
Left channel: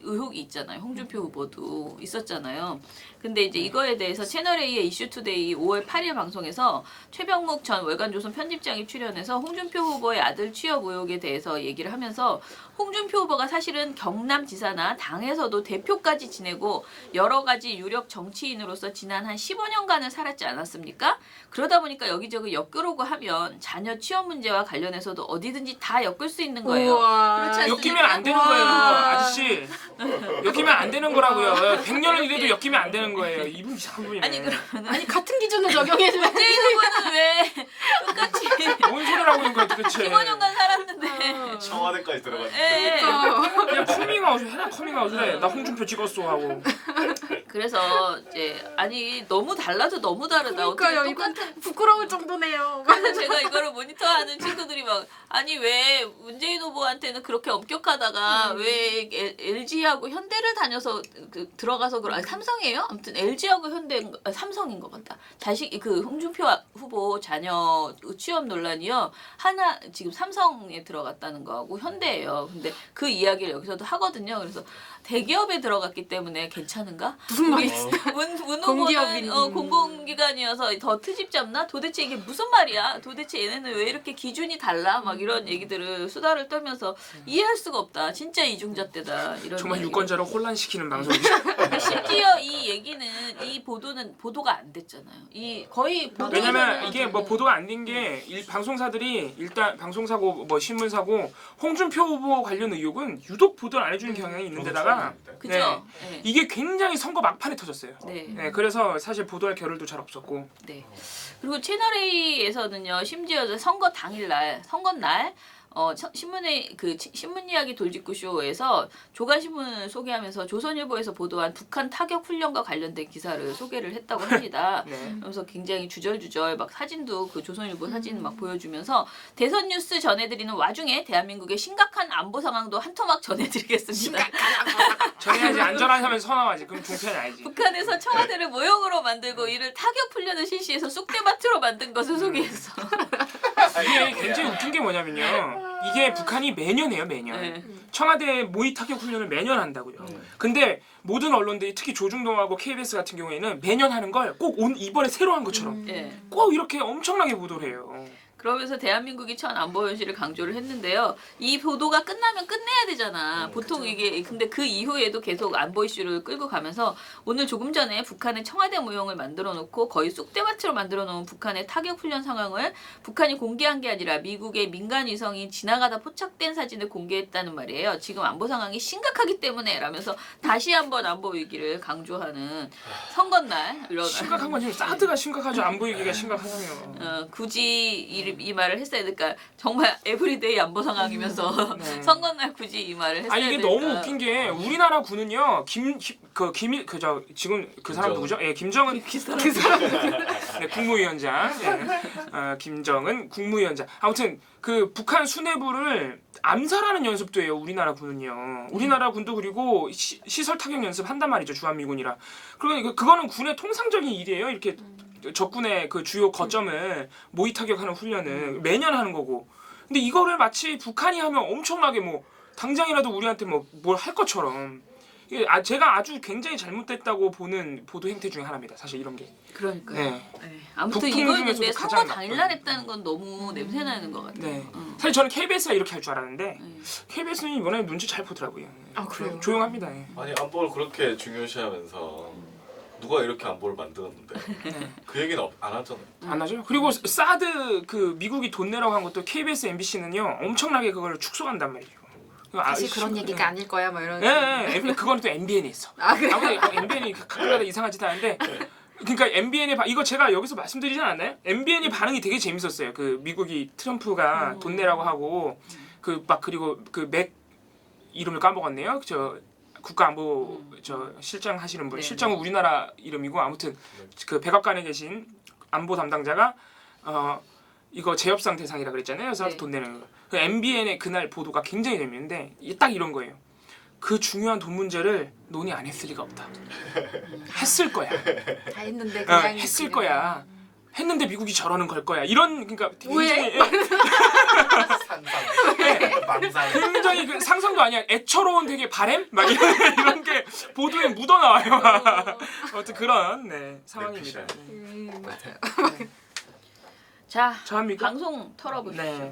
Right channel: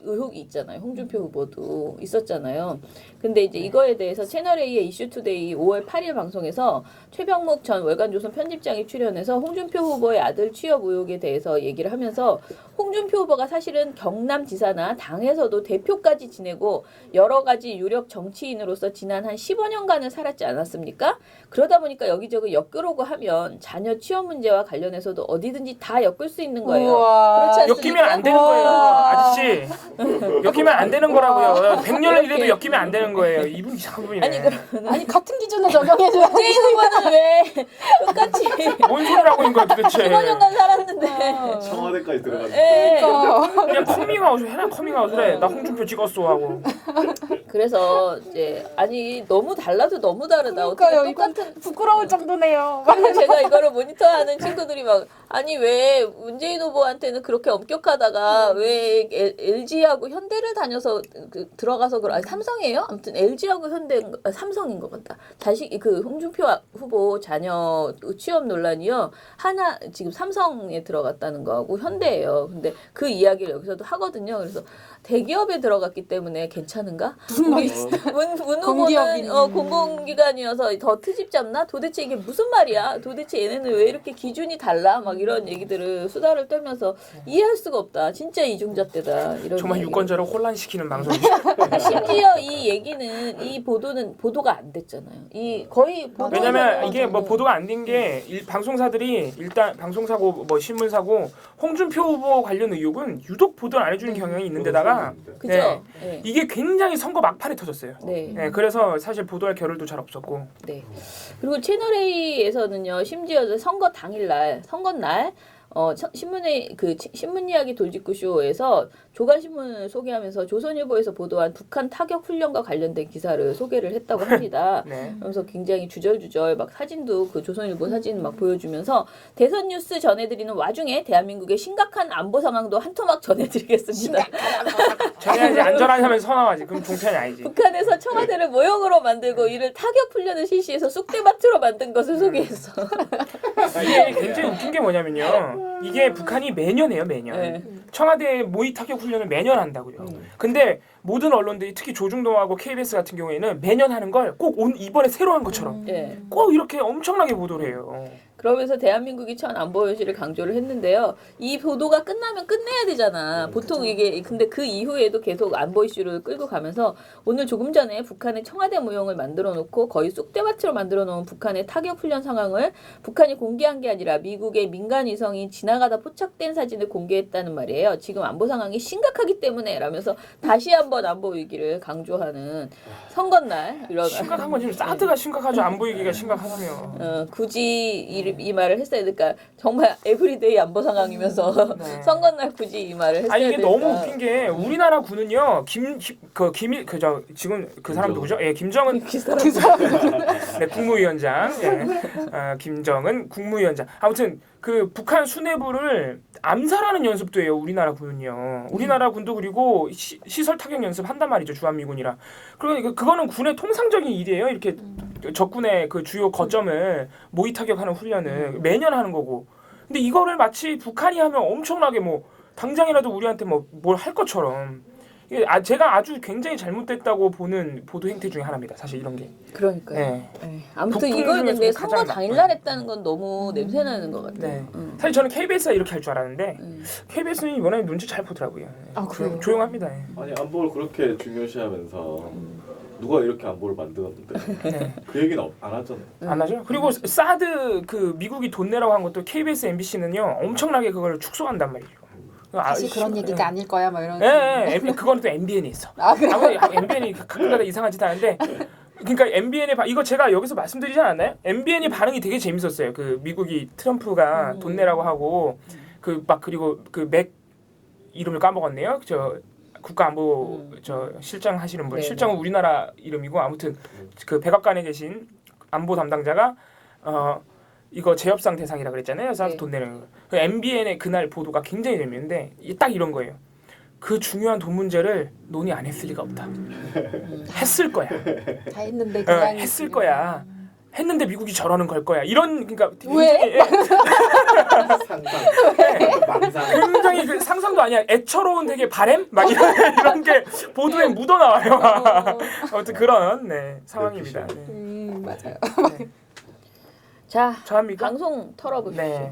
의혹이 있잖아요. 홍준표 후보도 있었잖아요. 근데 이제 이거에 대해서 채널A의 이슈투데이 5월 8일 방송에서 최병묵 전 월간조선 편집장이 출연해서 홍준표 후보의 아들 취업 의혹에 대해서 얘기를 하면서 홍준표 후보가 사실은 경남지사나 당에서도 대표까지 지내고 여러 가지 유력 정치인으로서 지난 한 15년간을 살았지 않았습니까? 그러다 보니까 여기저기 엮으려고 하면 자녀 취업 문제와 관련해서도 어디든지 다 엮을 수 있는 거예요. 우와. 그렇지 엮이면 안 되는 거예요, 아저씨. 엮이면 안 되는 거라고요. 100년을 일해도 엮이면 안 되는 거예요. 이분 이상한 분이네. 아니 그러면은 아니 같은 기준을 적용해줘야지. 문재인 후보는 왜 똑같이 뭔 소리를 하고 있는 거야 도대체. 15년간 살았는데 청와대까지 들어가니까. 예. 그냥 커밍아웃 해라, 커밍아웃을 해. 나 홍준표 찍었어 하고. 그래서 이제 아니 너무 달라도 너무 다르다. 그러니까요. 어떻게 이건 똑같은 부끄러울 정도네요. 그래서 제가 이거를 모니터하는 친구들이 막 아니 왜 문재인 후보한테는 그렇게 엄격하다가 왜 LG하고 현대를 다녀서 들어가서 아니, 삼성이에요? 아무튼 LG하고 현대 삼성인 것 같다. 다시 그 홍준표 후보 자녀 취업 논란이요. 하나 지금 삼성에 들어갔다는 거하고 현대예요. 근데 그 이야기를 여기서도 하거든요. 그래서 대기업에 들어갔기 때문에 괜찮은가? 무슨 말이지? 문 후보는 공기업인. 공공기관이어서 더 트집 잡나? 도대체 이게 무슨 말이야? 도대체 얘네는 왜 이렇게 기준이 달라? 막 이런 얘기들을 수다를 떨면서 이해할 수가 없다. 진짜 이중잣대다. 이런 정말 이야기를. 유권자를 혼란시키는 방송이죠. 심지어 이 얘기는 이 보도가 안 됐잖아요. 이 거의 보도 왜냐면 이게 뭐 보도가 안 된 게 방송사들이 일단 방송사고 뭐 신문사고 홍준표 후보 관련 의혹은 유독 보도를 안 해주는 경향이 있는데다가 그죠? 네. 이게 굉장히 선거 막판에 터졌어요. 네. 네, 그래서 사실 보도할 겨를도 잘 없었고. 네. 그리고 채널 A에서는요, 심지어 선거 당일날, 선거 날, 신문의 신문 이야기 돌직구 쇼에서 조간 신문을 소개하면서 조선일보에서 보도한 북한 타격 훈련과 관련된 기사를 소개를 했다고 합니다. 네. 그러면서 굉장히 주절주절 막 사진도 그 조선일보 사진 막 보여주면서 대선 뉴스 전해드리는 와중에 대한민국의 심각한 안보 상황도 한 토막 전해드리겠습니다. 전해야지 안전하냐면서 선언하지. 그럼 종편이 아니지. 북한에서 청와대를 모형으로 만들고 이를 타격 훈련을 실시해서 쑥대밭으로 만든 것을 소개했어. 이게 굉장히 웃긴 게 뭐냐면요. 이게 북한이 매년 해요, 매년. 네. 청와대 모의 타격 훈련을 매년 한다고요. 근데 모든 언론들이 특히 조중동하고 KBS 같은 경우에는 매년 하는 걸 꼭 이번에 새로 한 것처럼 예. 꼭 이렇게 엄청나게 보도를 해요. 그러면서 대한민국이 처한 안보 현실을 강조를 했는데요. 이 보도가 끝나면 끝내야 되잖아. 보통 이게 근데 그 이후에도 계속 안보 이슈를 끌고 가면서 오늘 조금 전에 북한의 청와대 모형을 만들어 놓고 거의 쑥대밭으로 만들어 놓은 북한의 타격 훈련 상황을 북한이 공개한 게 아니라 미국의 민간 위성이 지나가다 포착된 사진을 공개했다는 말이에요. 지금 안보 상황이 심각하기 때문에 라면서 다시 한번 안보 위기를 강조하는 선거날 이런 심각한 건 지금 사드가 심각하죠. 안보 위기가 심각하다며. 굳이 이 말을 했어야 될까? 정말 에브리데이 안보 상황이면서 네. 선거날 굳이 이 말을 했어야 아니 이게 될까? 너무 웃긴 게 우리나라 군은요. 지금 그 사람 누구죠? 예, 김정은 네, 국무위원장. 예. 김정은 국무위원장. 아무튼 그 북한 수뇌부를 암살하는 연습도 해요. 우리나라 군은요. 우리나라 군도 그리고 시설 타격 연습 한단 말이죠. 주한미군이라. 그러니까 그거는 군의 통상적인 일이에요. 이렇게 적군의 그 주요 거점을 모의 타격하는 훈련을 매년 하는 거고. 근데 이거를 마치 북한이 하면 엄청나게 뭐 당장이라도 우리한테 뭐 뭘 할 것처럼. 이게 제가 아주 굉장히 잘못됐다고 보는 보도 행태 중에 하나입니다. 사실 이런 게. 그러니까요. 네. 네. 아무튼 북풍 이걸 근데 중에서도 선거 가장 당일날 했다는 건 너무 냄새 나는 것 같아요. 네. 사실 저는 KBS가 이렇게 할 줄 알았는데 KBS는 이번에 눈치 잘 보더라고요. 아, 그래요? 조용합니다. 예. 아니 안보를 그렇게 중요시하면서 누가 이렇게 안보를 만들었는데 네. 그 얘기는 안 하잖아요. 안 하죠. 그리고 사드 그 미국이 돈 내라고 한 것도 KBS, MBC는요 엄청나게 그걸 축소한단 말이죠. 사실 그런 얘기가 아닐 거야, 뭐 이런. 예, 그거는 또 MBN에 있어. 아, 그래요? 아무리 MBN이 가끔가다 이상한 짓 하는데. 그러니까 MBN의 이거 제가 여기서 말씀드리지 않았나요? MBN의 반응이 되게 재밌었어요. 그 미국이 트럼프가 돈 내라고 하고 그리고 그 맥 이름을 까먹었네요. 저 국가안보 저 실장 하시는 분, 네. 실장은 우리나라 이름이고 아무튼 그 백악관에 계신 안보 담당자가 이거 재협상 대상이라 그랬잖아요. 그래서 네. 돈 내는 거. 그 MBN의 그날 보도가 굉장히 재밌는데 딱 이런 거예요. 그 중요한 돈 문제를 논의 안 했을 리가 없다. 했을 거야. 다 했는데 그냥 했을 거야. 했는데 미국이 저러는 걸 거야. 이런 그러니까 왜? 굉장히 그 상상도 아니야. 애처로운 되게 바램 막 이런 게 보도에 묻어 나와요. 아무튼 그런 상황입니다. 네. 맞아요. 자, 저합니까? 방송 털어보시죠. 네.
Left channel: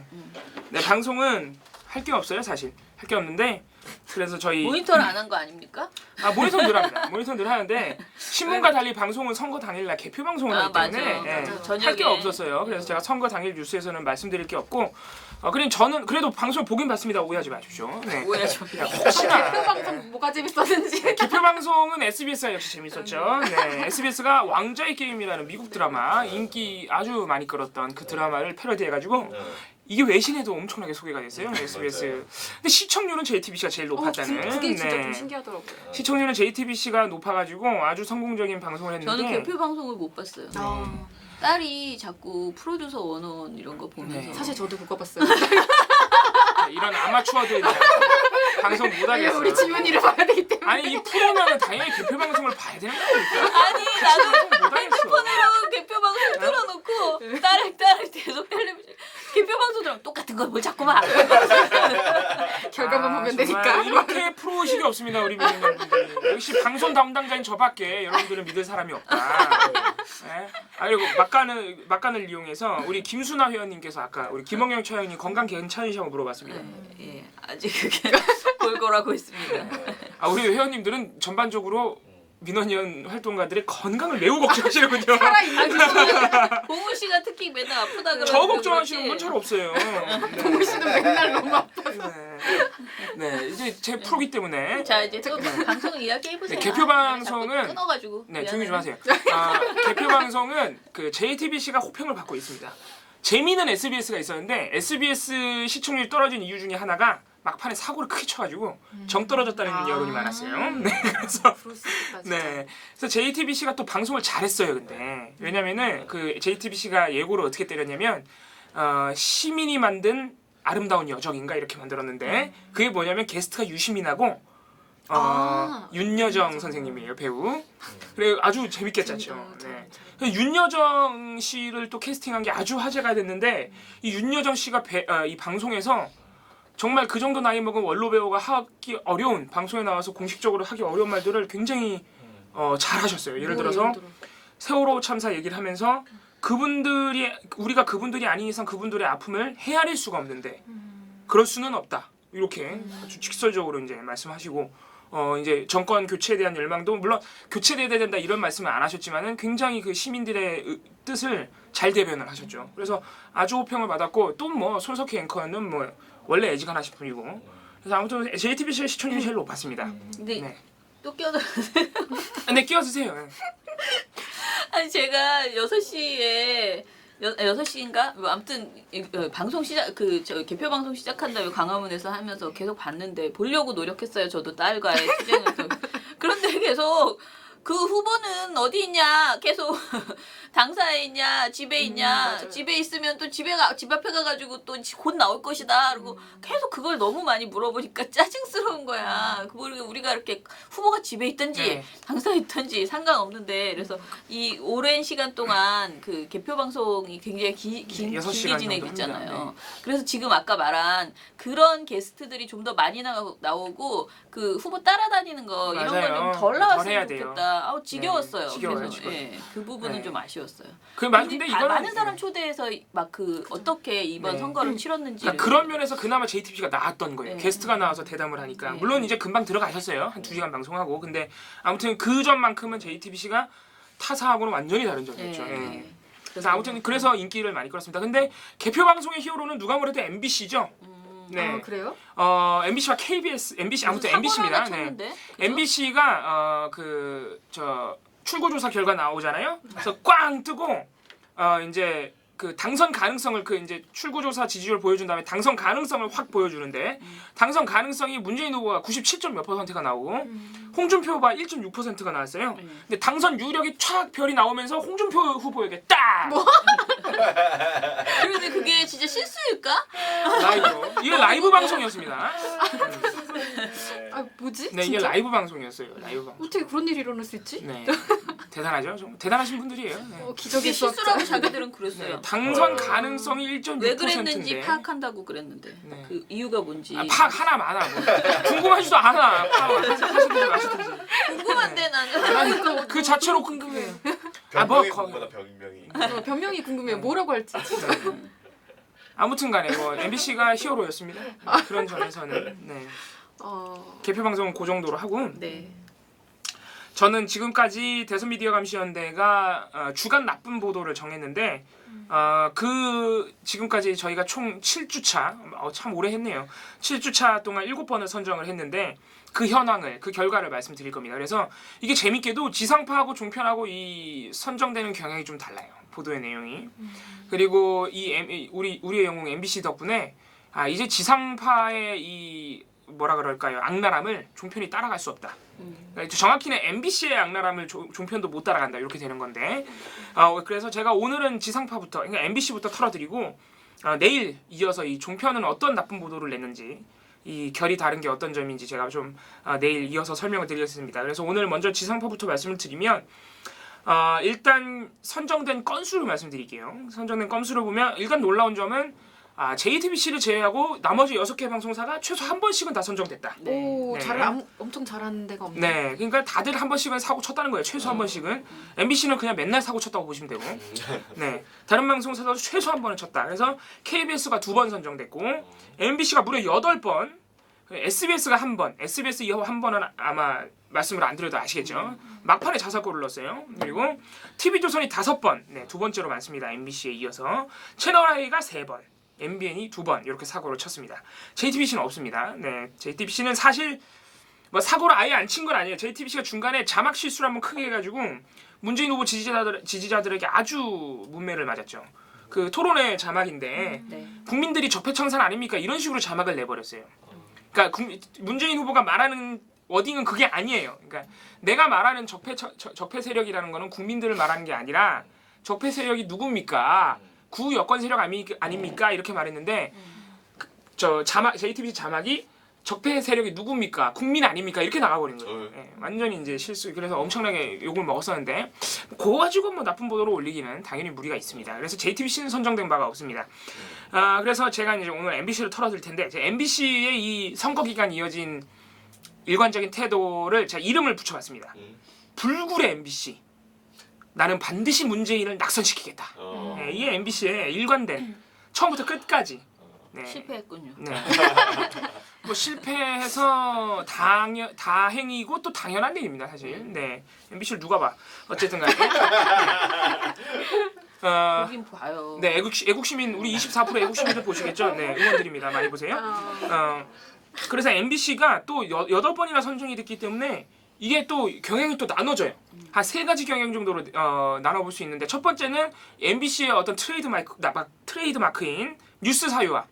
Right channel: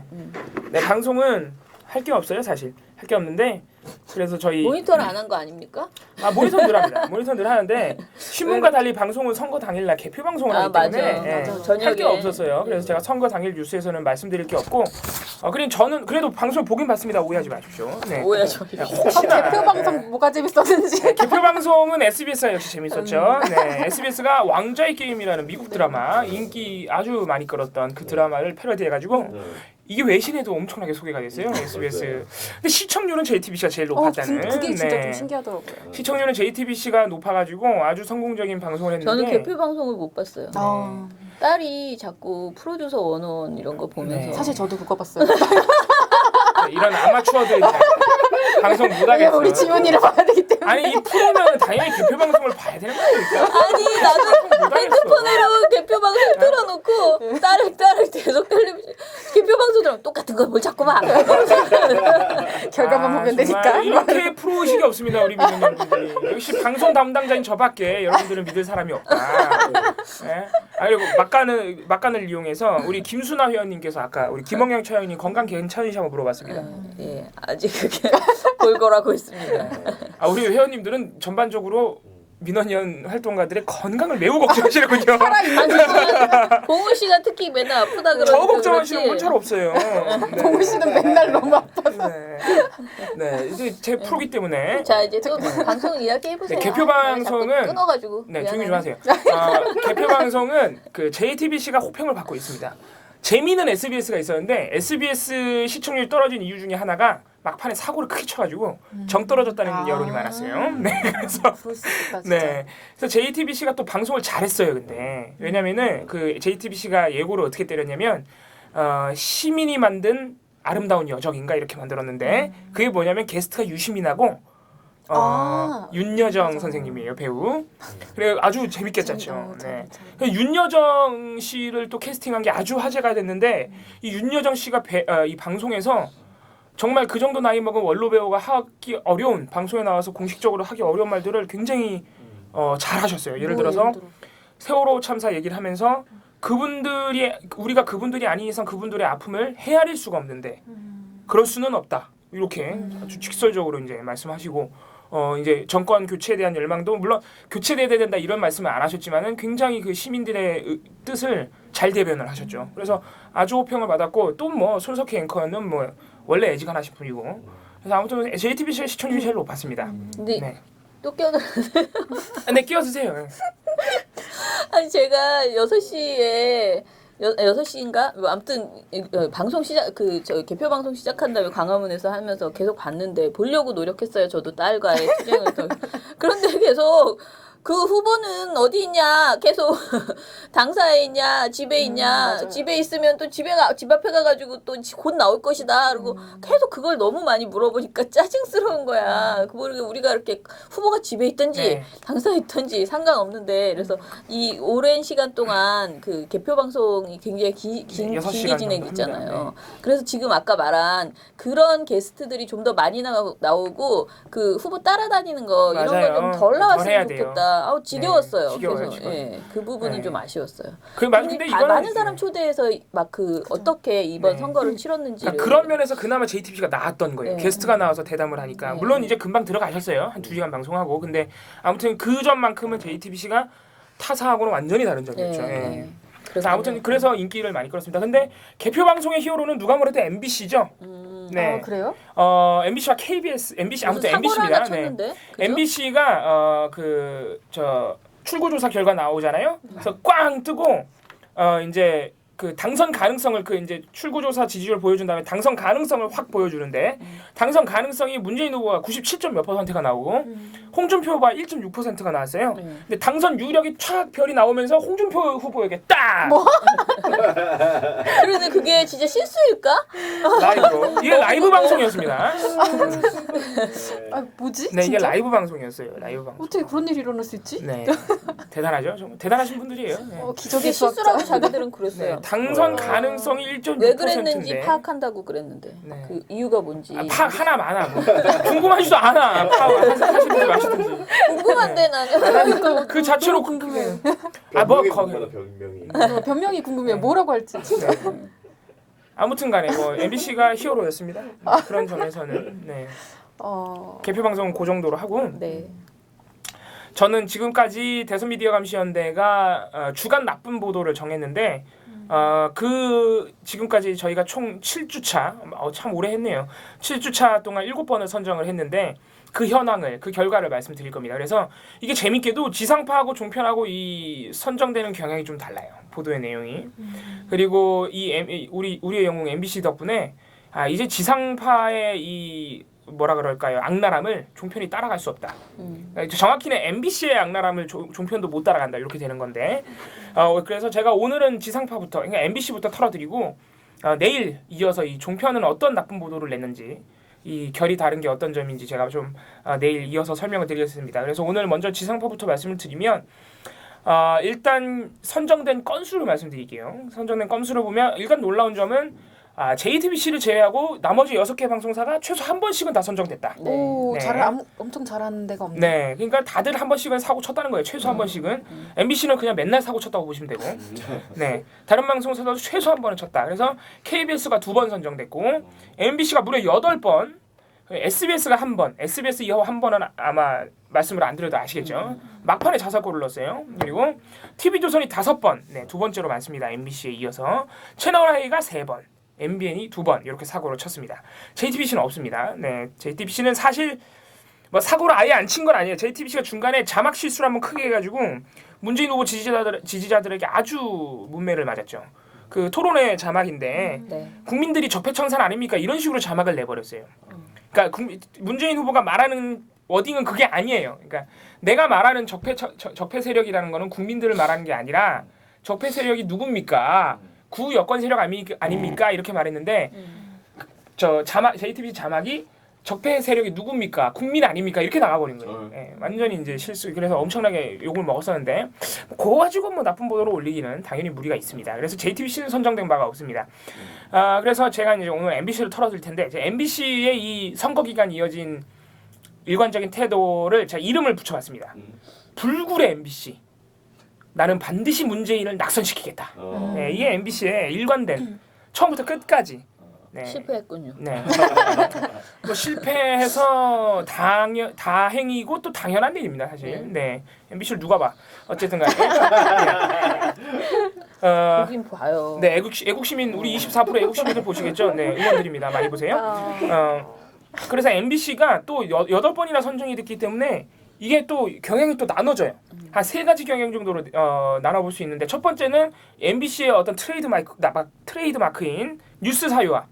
네, 방송은 할 게 없어요, 사실. 할 게 없는데 그래서 저희 모니터를 안 한 거 아닙니까? 모니터는 늘 합니다. 모니터는 늘 하는데 신문과 달리 방송은 선거 당일날 개표 방송을 하기 때문에 맞아. 할 저녁에 게 없었어요. 그래서 제가 선거 당일 뉴스에서는 말씀드릴 게 없고 그냥 저는 그래도 방송 보긴 봤습니다. 오해하지 마십시오. 네. 오해하죠. 혹시나 개표 방송 뭐가 재밌었는지. 개표 방송은 SBS가 역시 재밌었죠. 네, SBS가 왕좌의 게임이라는 미국 드라마 인기 아주 많이 끌었던 그 드라마를 패러디해가지고 이게 외신에도 엄청나게 소개가 됐어요. SBS. 근데 시청률은 JTBC가 제일 높았다는. 그게 진짜 좀 신기하더라고요. 시청률은 JTBC가 높아가지고 아주 성공적인 방송을 했는데. 저는 개표 방송을 못 봤어요. 아, 딸이 자꾸 프로듀서 101 이런 거 보면서 네. 사실 저도 그거 봤어요. 이런 아마추어들 방송 못 왜냐면 하겠어. 우리 지훈이를 봐야 되기 때문에. 아니 이 프로는 당연히 개표 방송을 봐야 되는 거니까. 아니 나도 핸드폰으로 개표 방송 틀어놓고 딸을 계속 텔레비전 개표 방송 들으면 똑같은 걸 뭘 자꾸 봐. 결과만 보면 되니까. 정말 이렇게 프로의식이 없습니다 우리 민원인들이. 역시 방송 담당자인 저밖에 여러분들은 믿을 사람이 없다. 예? 그리고 막간을 이용해서 우리 김순아 회원님께서 아까 우리 김홍영 차장님 건강 괜찮으시냐고 물어봤습니다. 예, 아직 그게 골골하고 있습니다. 우리 회원님들은 전반적으로 민원연 활동가들의 건강을 매우 걱정하시는군요. 봉우 씨가 특히 맨날 아프다 그러니까 저 걱정하시는 분 잘 없어요. 봉우 씨는 맨날 너무 아파. 네, 이제 제 프로기 때문에. 자 이제 또 방송 이야기 해보세요. 네, 개표 방송은 끊어가지고. 네, 미안해. 조용히 좀 하세요. 개표 방송은 그 JTBC가 호평을 받고 있습니다. 재미는 SBS가 있었는데 SBS 시청률이 떨어진 이유 중에 하나가 막판에 사고를 크게 쳐가지고 정 떨어졌다는 여론이 많았어요. 네, 그래서 그럴 수 있겠다 진짜. 네, 그래서 JTBC가 또 방송을 잘했어요. 근데 왜냐면은 그 JTBC가 예고를 어떻게 때렸냐면 시민이 만든 아름다운 여정인가 이렇게 만들었는데 그게 뭐냐면 게스트가 유시민하고 윤여정 선생님이에요, 배우. 그래 아주 재밌게 짰죠. 네. 윤여정 씨를 또 캐스팅한 게 아주 화제가 됐는데 이 윤여정 씨가 이 방송에서 정말 그 정도 나이 먹은 원로 배우가 하기 어려운 방송에 나와서 공식적으로 하기 어려운 말들을 굉장히 잘하셨어요. 예를 들어서 세월호 참사 얘기를 하면서 우리가 그분들이 아닌 이상 그분들의 아픔을 헤아릴 수가 없는데 그럴 수는 없다. 이렇게 아주 직설적으로 이제 말씀하시고 이제 정권 교체에 대한 열망도 물론 교체돼야 된다 이런 말씀을 안 하셨지만은 굉장히 그 시민들의 뜻을 잘 대변을 하셨죠. 그래서 아주 호평을 받았고 또 뭐 손석희 앵커는 뭐 원래 애지간하신 분이고 그래서 아무튼 JTBC의 시청률이 제일 높았습니다. 근데 네, 또 끼어들었어요. 네 끼워주세요. 아니 제가 6시에 6시인가? 뭐 아무튼 방송 시작 저 개표 방송 시작한 다음에 광화문에서 하면서 계속 봤는데 보려고 노력했어요. 저도 딸과의 투쟁을 그런데 계속 그 후보는 어디 있냐? 계속 당사에 있냐? 집에 있냐? 맞아요. 집에 있으면 또 집 앞에 가가지고 또 곧 나올 것이다. 그리고 계속 그걸 너무 많이 물어보니까 짜증스러운 거야. 우리가 이렇게 후보가 집에 있든지 네. 당사에 있든지 상관없는데 그래서 이 오랜 시간 동안 그 개표 방송이 굉장히 길게 6시간 진행됐잖아요. 정도 합니다. 그래서 지금 아까 말한 그런 게스트들이 좀 더 많이 나오고 그 후보 따라다니는 거 이런 걸 맞아요. 좀 덜 덜 해야 나왔으면 돼요. 좋겠다. 지겨웠어요. 네, 지겨워요, 그래서 지겨워요. 예, 그 부분은 네. 좀 아쉬웠어요. 근데 이거는 많은 사람 초대해서 막 그 어떻게 이번 네. 선거를 치렀는지 그러니까 그런 면에서 그나마 JTBC가 나았던 거예요. 네. 게스트가 나와서 대담을 하니까. 네. 물론 이제 금방 들어가셨어요. 한 2시간 방송하고. 근데 아무튼 그 점만큼은 JTBC가 타사하고는 완전히 다른 점이었죠. 예. 그래서 아무튼 그래서 인기를 많이 끌었습니다. 근데 개표 방송의 히어로는 누가 뭐래도 MBC죠. 네. 그래요? MBC와 KBS, MBC 아무튼 MBC입니다. 네. MBC가 출구조사 결과 나오잖아요. 그래서 꽝 뜨고 이제 그 당선 가능성을 그 이제 출구조사 지지율 보여준 다음에 당선 가능성을 확 보여주는데 당선 가능성이 문재인 후보가 97점 몇 %가 나오고 홍준표 후보가 1.6%가 나왔어요. 근데 당선 유력이 촥 별이 나오면서 홍준표 후보에게 딱 그런데 그게 진짜 실수일까? 라이브로 이게 라이브 방송이었습니다. 뭐지? 네, 이게 진짜? 라이브 방송이었어요. 라이브 방송. 어떻게 그런 일이 일어날 수 있지? 네, 대단하죠. 정말 대단하신 분들이에요. 네. 기적의 실수라고 수학자. 자기들은 그랬어요. 네, 당선 가능성이 1.6%인데 왜 그랬는지 파악한다고 그랬는데 네. 그 이유가 뭔지 하나 많아. 뭐. 궁금하지도 않아. 하시든지 마시든지. 궁금한데 나는 그 자체로 궁금해. 변명이 거기- 궁금하다 변명이. 변명이 궁금해요. 뭐라고 할지. 아무튼간에 뭐 MBC가 히어로였습니다. 그런 점에서는 네. 개표 방송은 그 정도로 하고 네. 저는 지금까지 대선미디어감시연대가 주간 나쁜 보도를 정했는데 그 지금까지 저희가 총 7주차 참 오래 했네요. 7주차 동안 7번을 선정을 했는데 그 현황을 그 결과를 말씀드릴 겁니다. 그래서 이게 재밌게도 지상파하고 종편하고 이 선정되는 경향이 좀 달라요. 보도의 내용이. 그리고 우리의 영웅 MBC 덕분에 이제 지상파의 이 뭐라 그럴까요? 악랄함을 종편이 따라갈 수 없다. 그러니까 정확히는 MBC의 악랄함을 종편도 못 따라간다. 이렇게 되는 건데 그래서 제가 오늘은 지상파부터 그러니까 MBC부터 털어드리고 내일 이어서 이 종편은 어떤 나쁜 보도를 냈는지 이 결이 다른 게 어떤 점인지 제가 좀 내일 이어서 설명을 드리겠습니다. 그래서 오늘 먼저 지상파부터 말씀을 드리면 일단 선정된 건수로 말씀드릴게요. 선정된 건수를 보면 일단 놀라운 점은 JTBC를 제외하고 나머지 6개 방송사가 최소 한 번씩은 다 선정됐다. 네. 오, 네. 엄청 잘하는 데가 없네. 네, 그러니까 다들 한 번씩은 사고 쳤다는 거예요. 최소 한 번씩은. MBC는 그냥 맨날 사고 쳤다고 보시면 되고, 네, 다른 방송사도 최소 한 번은 쳤다. 그래서 KBS가 2번 선정됐고, MBC가 무려 8번, SBS가 한 번, SBS 이후 한 번은 아마 말씀을 안 드려도 아시겠죠. 막판에 자살골을 넣었어요. 그리고 TV조선이 5번, 네, 두 번째로 많습니다. MBC에 이어서 채널I가 3번. MBN이 2번 이렇게 사고를 쳤습니다. JTBC는 없습니다. 네, JTBC는 사실 뭐 사고를 아예 안 친 건 아니에요. JTBC가 중간에 자막 실수를 한번 크게 해가지고 문재인 후보 지지자들에게 아주 문매를 맞았죠. 그 토론회 자막인데 네. 국민들이 적폐청산 아닙니까? 이런 식으로 자막을 내버렸어요. 그러니까 문재인 후보가 말하는 워딩은 그게 아니에요. 그러니까 내가 말하는 적폐 세력이라는 거는 국민들을 말하는 게 아니라 적폐 세력이 누굽니까? 구 여권 세력 아닙니까? 이렇게 말했는데 저 자막 JTBC 자막이 적폐 세력이 누굽니까? 국민 아닙니까? 이렇게 나가버린 거예요. 예, 완전히 이제 실수. 그래서 엄청나게 욕을 먹었었는데 그거 가지고 뭐 나쁜 보도로 올리기는 당연히 무리가 있습니다. 그래서 JTBC는 선정된 바가 없습니다. 그래서 제가 이제 오늘 MBC를 털어드릴 텐데 이제 MBC의 이 선거 기간 이어진 일관적인 태도를 제가 이름을 붙여봤습니다. 불굴의 MBC. 나는 반드시 문재인을 낙선시키겠다. 네, 이게 MBC의 일관된 처음부터 끝까지. 네. 실패했군요. 네. 뭐 실패해서 다행이고 또 당연한 일입니다, 사실. 네. MBC를 누가 봐. 어쨌든 간에. 네. 보긴 봐요. 네, 애국시민 우리 24% 애국시민들 보시겠죠? 네, 응원드립니다. 많이 보세요. 그래서 MBC가 또 8번이나 선정이 됐기 때문에 이게 또 경향이 또 나눠져요. 한 3가지 경향 정도로 나눠볼 수 있는데 첫 번째는 MBC의 어떤 트레이드 마크인 뉴스 사유화.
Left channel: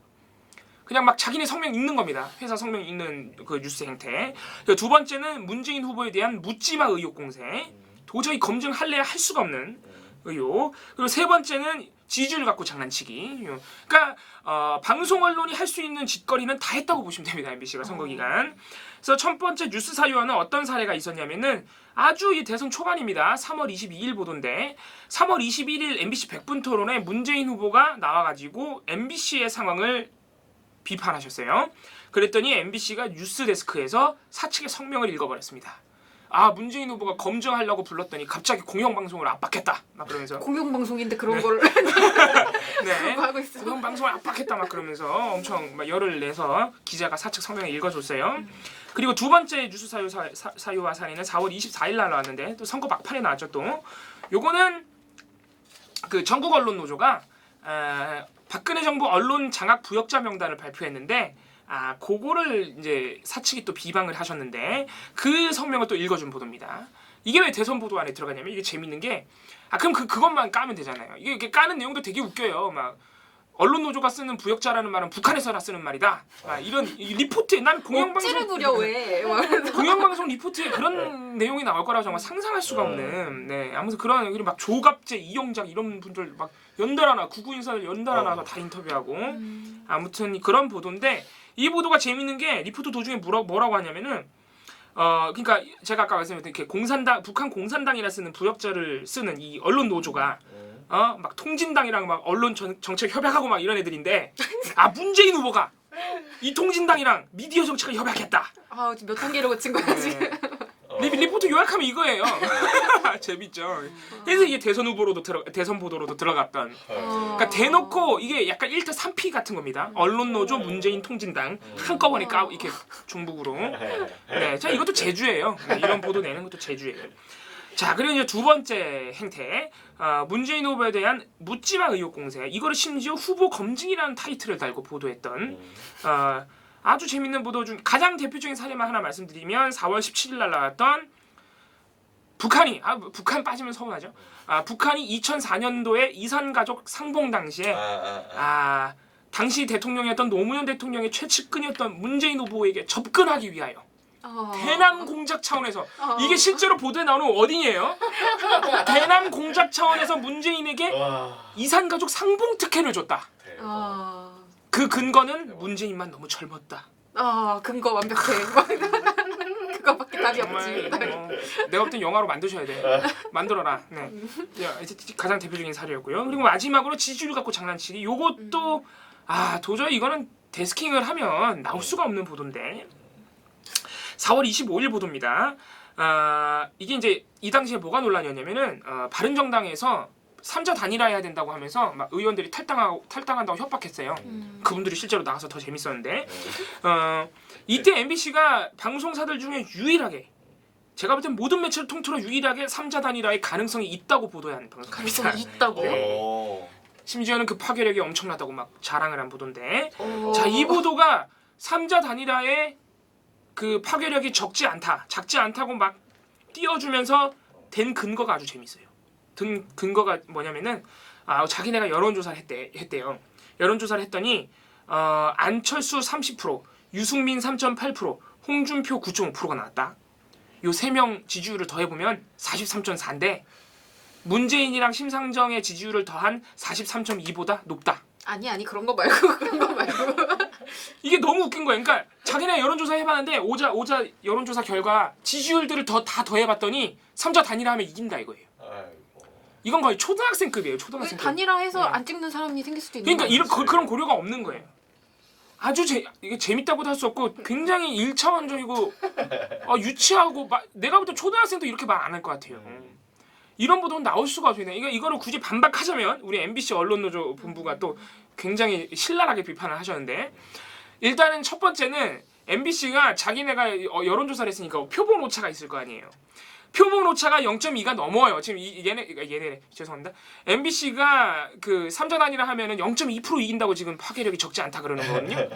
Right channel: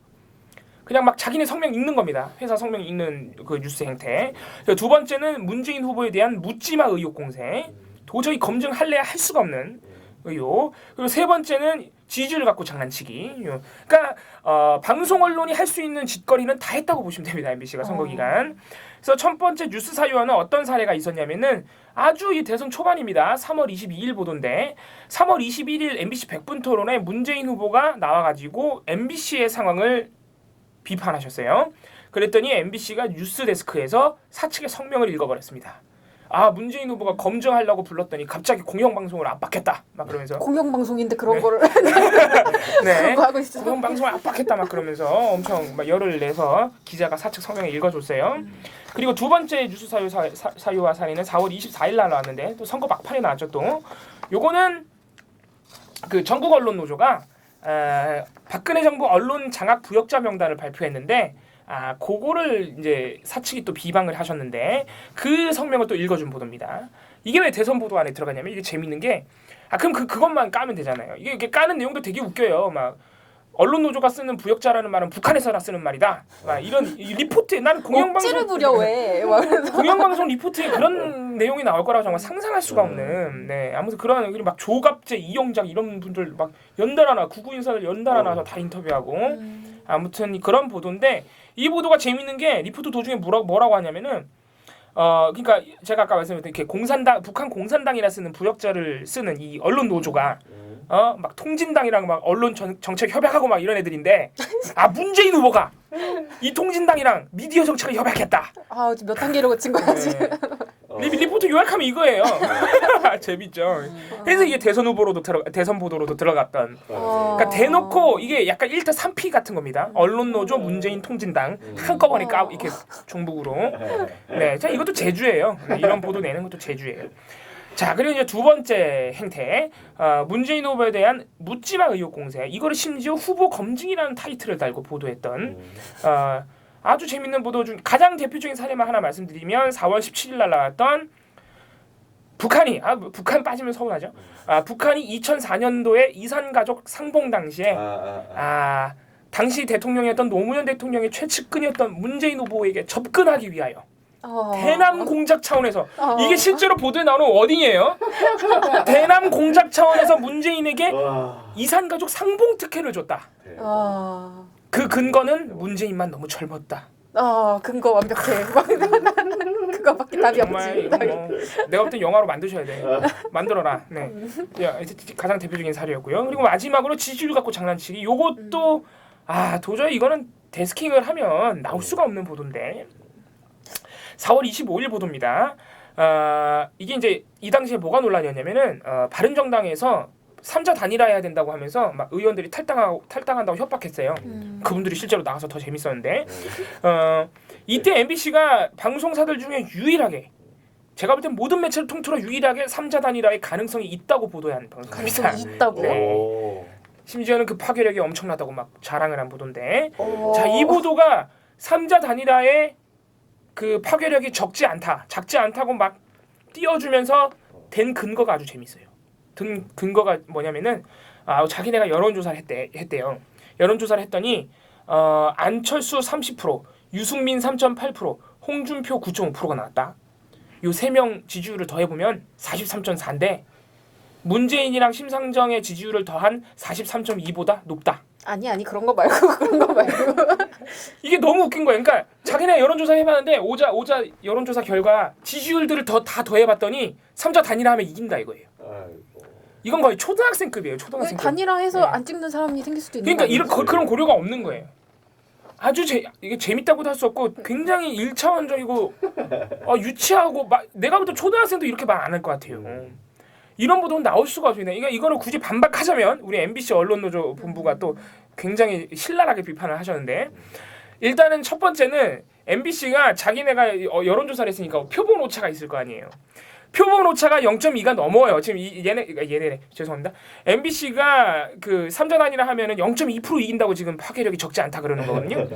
그냥 막 자기네 성명 읽는 겁니다. 회사 성명 읽는 그 뉴스 행태. 두 번째는 문재인 후보에 대한 묻지마 의혹 공세. 도저히 검증할래야 할 수가 없는 의혹. 그리고 세 번째는 지지를 갖고 장난치기. 그러니까 방송 언론이 할 수 있는 짓거리는 다 했다고 보시면 됩니다. MBC가 선거 기간. 그래서 첫 번째 뉴스 사유화는 어떤 사례가 있었냐면은 아주 이 대선 초반입니다. 3월 22일 보도인데 3월 21일 MBC 100분 토론에 문재인 후보가 나와가지고 MBC의 상황을 비판하셨어요. 그랬더니 MBC가 뉴스 데스크에서 사측의 성명을 읽어버렸습니다. 문재인 후보가 검증하려고 불렀더니 갑자기 공영방송을 압박했다. 막 그러면서 공영방송인데 그런 네. 거를 네. 그런 거 하고 있어. 공영방송을 압박했다 막 그러면서 엄청 막 열을 내서 기자가 사측 성명을 읽어줬어요. 그리고 두 번째 뉴스 사유화 사례는 4월 24일 날 나왔는데 또 선거 막판에 나왔죠. 또 요거는 그 전국 언론 노조가 박근혜 정부 언론 장악 부역자 명단을 발표했는데 그거를 이제 사측이 또 비방을 하셨는데 그 성명을 또 읽어준 보도입니다. 이게 왜 대선 보도 안에 들어가냐면 이게 재밌는 게 그럼 그것만 까면 되잖아요. 이게 까는 내용도 되게 웃겨요. 막 언론 노조가 쓰는 부역자라는 말은 북한에서나 쓰는 말이다. 이런 리포트에 난 억지를 부려 왜? 공영방송 리포트에 그런 내용이 나올 거라고 정말 상상할 수가 없는. 네, 아무튼 그리고 막 조갑재, 이영작 이런 분들 막 연달아나 구구 인사들 연달아나서 다 인터뷰하고 아무튼 그런 보도인데 이 보도가 재밌는 게 리포트 도중에 뭐라고 하냐면은 그러니까 제가 아까 말씀드린 이렇게 북한 공산당이라 쓰는 부역자를 쓰는 이 언론 노조가 막 통진당이랑 막 언론 정책 협약하고 막 이런 애들인데 문재인 후보가 이 통진당이랑 미디어 정책을 협약했다. 몇 단계로 거친 거야 지금. 리포트 요약하면 이거예요. 재밌죠. 그래서 이게 대선 보도로도 들어갔던. 그러니까 대놓고 이게 약간 1타 3피 같은 겁니다. 언론 노조, 문재인 통진당 한꺼번에 이렇게 종북으로. 네, 자 이것도 제주예요. 이런 보도 내는 것도 제주예요. 자, 그리고 이제 두 번째 행태, 문재인 후보에 대한 묻지마 의혹 공세. 이거를 심지어 후보 검증이라는 타이틀을 달고 보도했던 아주 재밌는 보도 중 가장 대표적인 사례만 하나 말씀드리면 4월 17일 날 나왔던 북한이 북한 빠지면 서운하죠. 북한이 2004년도에 이산가족 상봉 당시에 당시 대통령이었던 노무현 대통령의 최측근이었던 문재인 후보에게 접근하기 위하여 대남 공작 차원에서 이게 실제로 보도에 나오는 워딩이에요. 대남 공작 차원에서 문재인에게 와. 이산가족 상봉 특혜를 줬다. 그 근거는 문재인만 너무 젊었다. 근거 완벽해. 그거밖에 답이 정말 없지. 이거 뭐 내가 볼 땐 영화로 만드셔야 돼. 만들어라. 네. 가장 대표적인 사례였고요. 그리고 마지막으로 지지율 갖고 장난치기. 요것도 도저히 이거는 데스킹을 하면 나올 수가 없는 보도인데 4월 25일 보도입니다. 이게 이제 이 당시에 뭐가 논란이었냐면은 바른정당에서 3자 단일화해야 된다고 하면서 막 의원들이 탈당한다고 협박했어요. 그분들이 실제로 나가서 더 재밌었는데 이때 MBC가 방송사들 중에 유일하게 제가 볼 땐 모든 매체를 통틀어 유일하게 3자 단일화의 가능성이 있다고 보도한 방송입니다. 가능성이 있다고. 네. 오. 심지어는 그 파괴력이 엄청나다고 막 자랑을 한 보도인데 자, 이 보도가 3자 단일화의 그 파괴력이 작지 않다고 막 띄워주면서 된 근거가 아주 재밌어요. 든 근거가 뭐냐면은 자기네가 여론조사를 했대요. 여론조사를 했더니 안철수 30%, 유승민 3.8%, 홍준표 9.5%가 나왔다. 요 세 명 지지율을 더해보면 43.4인데 문재인이랑 심상정의 지지율을 더한 43.2보다 높다. 아니 그런 거 말고. 이게 너무 웃긴 거예요. 그러니까 자기네 여론조사 해봤는데 오자 여론조사 결과 지지율들을 다 더해봤더니 3자 단일화하면 이긴다 이거예요. 아이고. 이건 거의 초등학생급이에요. 초등학생급. 단일화해서 네. 안 찍는 사람이 생길 수도 있는 그러니까 거예요. 그런 고려가 없는 거예요. 아주 이게 재밌다고도 할 수 없고 굉장히 1차원적이고 유치하고 내가 볼 때 초등학생도 이렇게 말 안 할 것 같아요. 이런 보도는 나올 수가 없습니다. 그러니까 이거를 굳이 반박하자면 우리 MBC 언론노조 본부가 또 굉장히 신랄하게 비판을 하셨는데 일단은 첫 번째는 MBC가 자기네가 여론조사를 했으니까 표본 오차가 있을 거 아니에요. 표본 오차가 0.2가 넘어요. 지금 얘네래 죄송합니다. MBC가 그 3자 단일화 하면은 0.2% 이긴다고 지금 파괴력이 적지 않다 그러는 거거든요.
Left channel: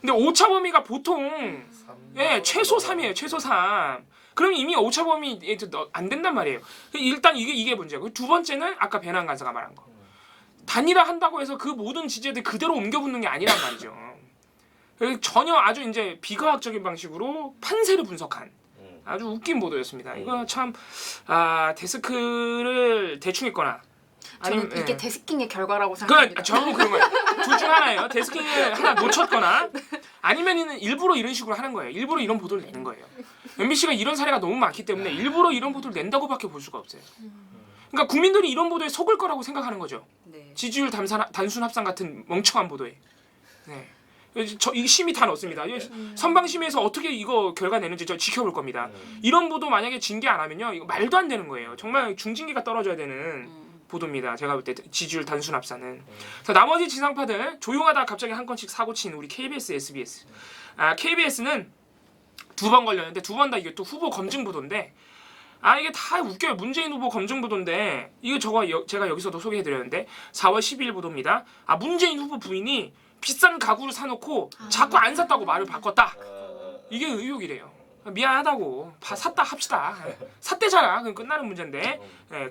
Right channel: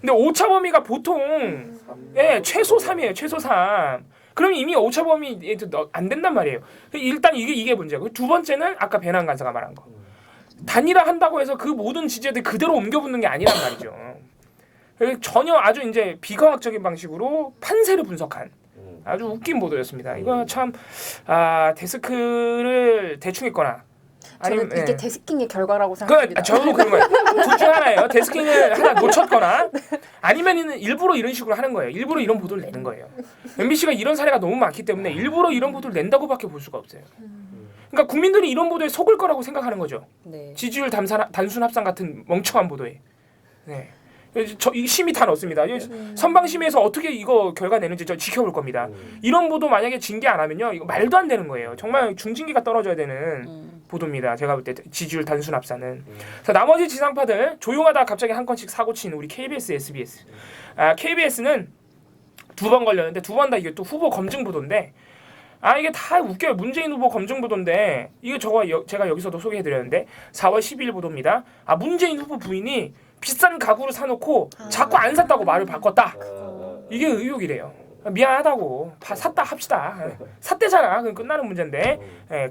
근데 오차 범위가 보통 최소 3이에요. 최소 3. 그럼 이미 오차 범위 안 된단 말이에요. 일단 이게 문제고 두 번째는 아까 배낭 간사가 말한 거. 단일화 한다고 해서 그 모든 지지자들 그대로 옮겨붙는 게 아니란 말이죠. 전혀 아주 이제 비과학적인 방식으로 판세를 분석한 아주 웃긴 보도였습니다. 이거 참 데스크를 대충 했거나 저는 이게 데스킹의 결과라고 생각합니다. 저도 그런 거예요. 둘 중 하나예요. 데스킹을 하나 놓쳤거나 아니면은 일부러 이런 식으로 하는 거예요. 일부러 이런 보도를 내는 거예요. MBC가 이런 사례가 너무 많기 때문에 일부러 이런 보도를 낸다고밖에 볼 수가 없어요. 그러니까 국민들이 이런 보도에 속을 거라고 생각하는 거죠. 네. 지지율 단순 합산 같은 멍청한 보도에. 네. 이 심의 다 넣습니다. 선방심에서 어떻게 이거 결과 내는지 저 지켜볼 겁니다. 이런 보도 만약에 징계 안 하면요, 이거 말도 안 되는 거예요. 정말 중징계가 떨어져야 되는 보도입니다. 제가 볼 때 지지율 단순 합산은. 그래서 나머지 지상파들 조용하다 갑자기 한 건씩 사고 친 우리 KBS, SBS. KBS는 2번 걸렸는데 2번 다 이게 또 후보 검증 보도인데. 이게 다 웃겨요. 문재인 후보 검증 보도인데 이거 제가 여기서도 소개해드렸는데 4월 12일 보도입니다. 문재인 후보 부인이 비싼 가구를 사놓고 자꾸 안 샀다고 말을 바꿨다. 이게 의혹이래요. 미안하다고 샀다 합시다. 샀대잖아. 그럼 끝나는 문제인데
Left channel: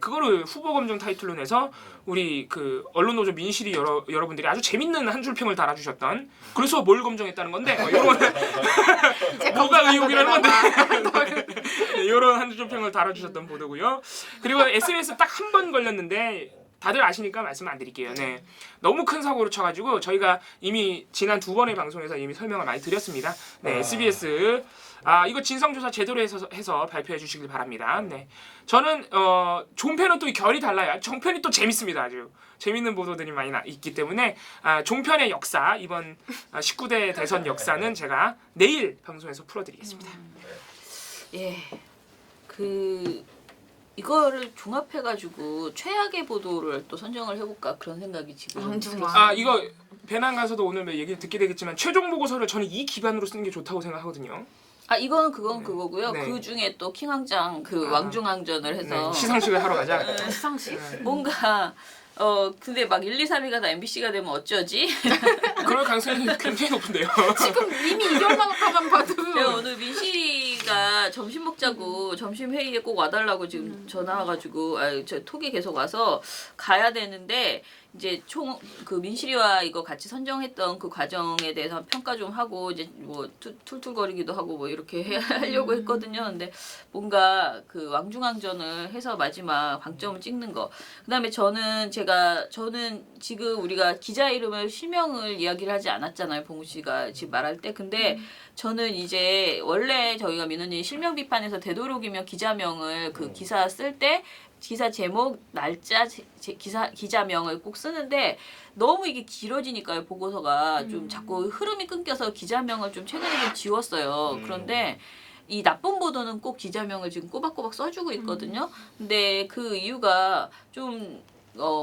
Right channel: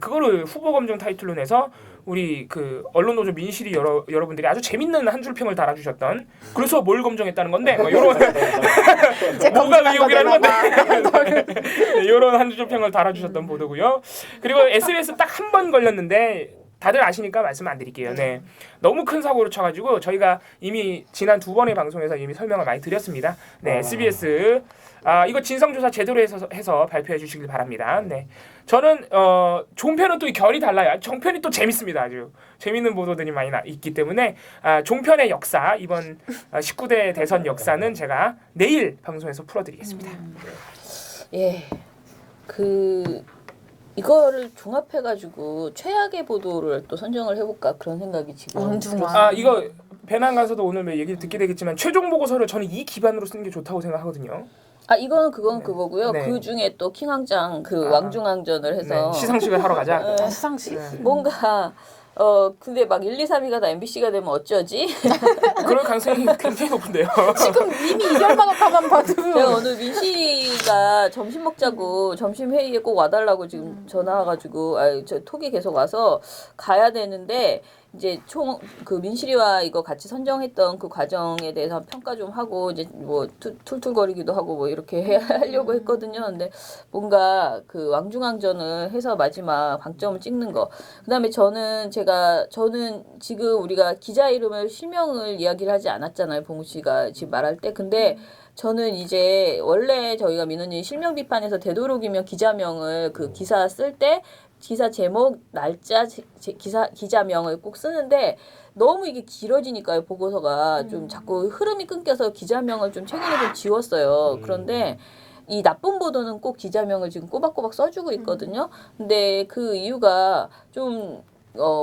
그거를 후보 검증 타이틀로 내서 우리 그 언론노조 민실이 여러분들이 아주 재밌는 한 줄 평을 달아주셨던 그래서 뭘 검증했다는 건데 이런 뭐가 의혹이라는 건데 이런 한 줄 평을 달아주셨던 보도고요. 그리고 SBS 딱 한 번 걸렸는데 다들 아시니까 말씀 안 드릴게요. 네, 너무 큰 사고를 쳐가지고 저희가 이미 지난 2번의 방송에서 이미 설명을 많이 드렸습니다. 네, SBS 이거 진상조사 제대로 해서 발표해 주시길 바랍니다. 네, 저는 종편은 또 결이 달라요. 정편이 또 재밌습니다. 아주 재밌는 보도들이 많이 있기 때문에 종편의 역사 이번 19대 대선 역사는 제가 내일 방송에서 풀어드리겠습니다. 예, 이거를 종합해가지고 최악의 보도를 또 선정을 해볼까 그런 생각이 지금. 원중아. 이거 배낭 가서도 오늘 얘기를 듣게 되겠지만 최종 보고서를 저는 이 기반으로 쓰는 게 좋다고 생각하거든요. 이건 그건 네. 그거고요. 네. 그 중에 또 킹왕짱 왕중왕전을 해서 시상식을 하러 가자. 시상식. 뭔가 근데 막 1, 2, 3위가 다 MBC가 되면 어쩌지? 그럴 가능성이 굉장히 높은데요. 지금 이미 이별만 하만 봐도 제가 오늘 민실이가 씨가 점심 먹자고 점심 회의에 꼭 와달라고 지금 전화 와가지고 저 톡이 계속 와서 가야 되는데 이제 총 그 민실이와 이거 같이 선정했던 그 과정에 대해서 평가 좀 하고 이제 뭐 툴툴거리기도 하고 뭐 이렇게 하려고 했거든요. 근데 뭔가 그 왕중왕전을 해서 마지막 방점을 찍는 거. 그다음에 저는 지금 우리가 기자 이름을 실명을 이야기를 하지 않았잖아요. 봉우 씨가 지금 말할 때. 근데 저는 이제 원래 저희가 민원인 실명 비판에서 되도록이면 기자명을 그 기사 쓸 때 기사 제목, 날짜, 기자명을 꼭 쓰는데 너무 이게 길어지니까요. 보고서가 좀 자꾸 흐름이 끊겨서 기자명을 좀 최근에 좀 지웠어요. 그런데 이 나쁜 보도는 꼭 기자명을 지금 꼬박꼬박 써주고 있거든요. 근데 그 이유가 좀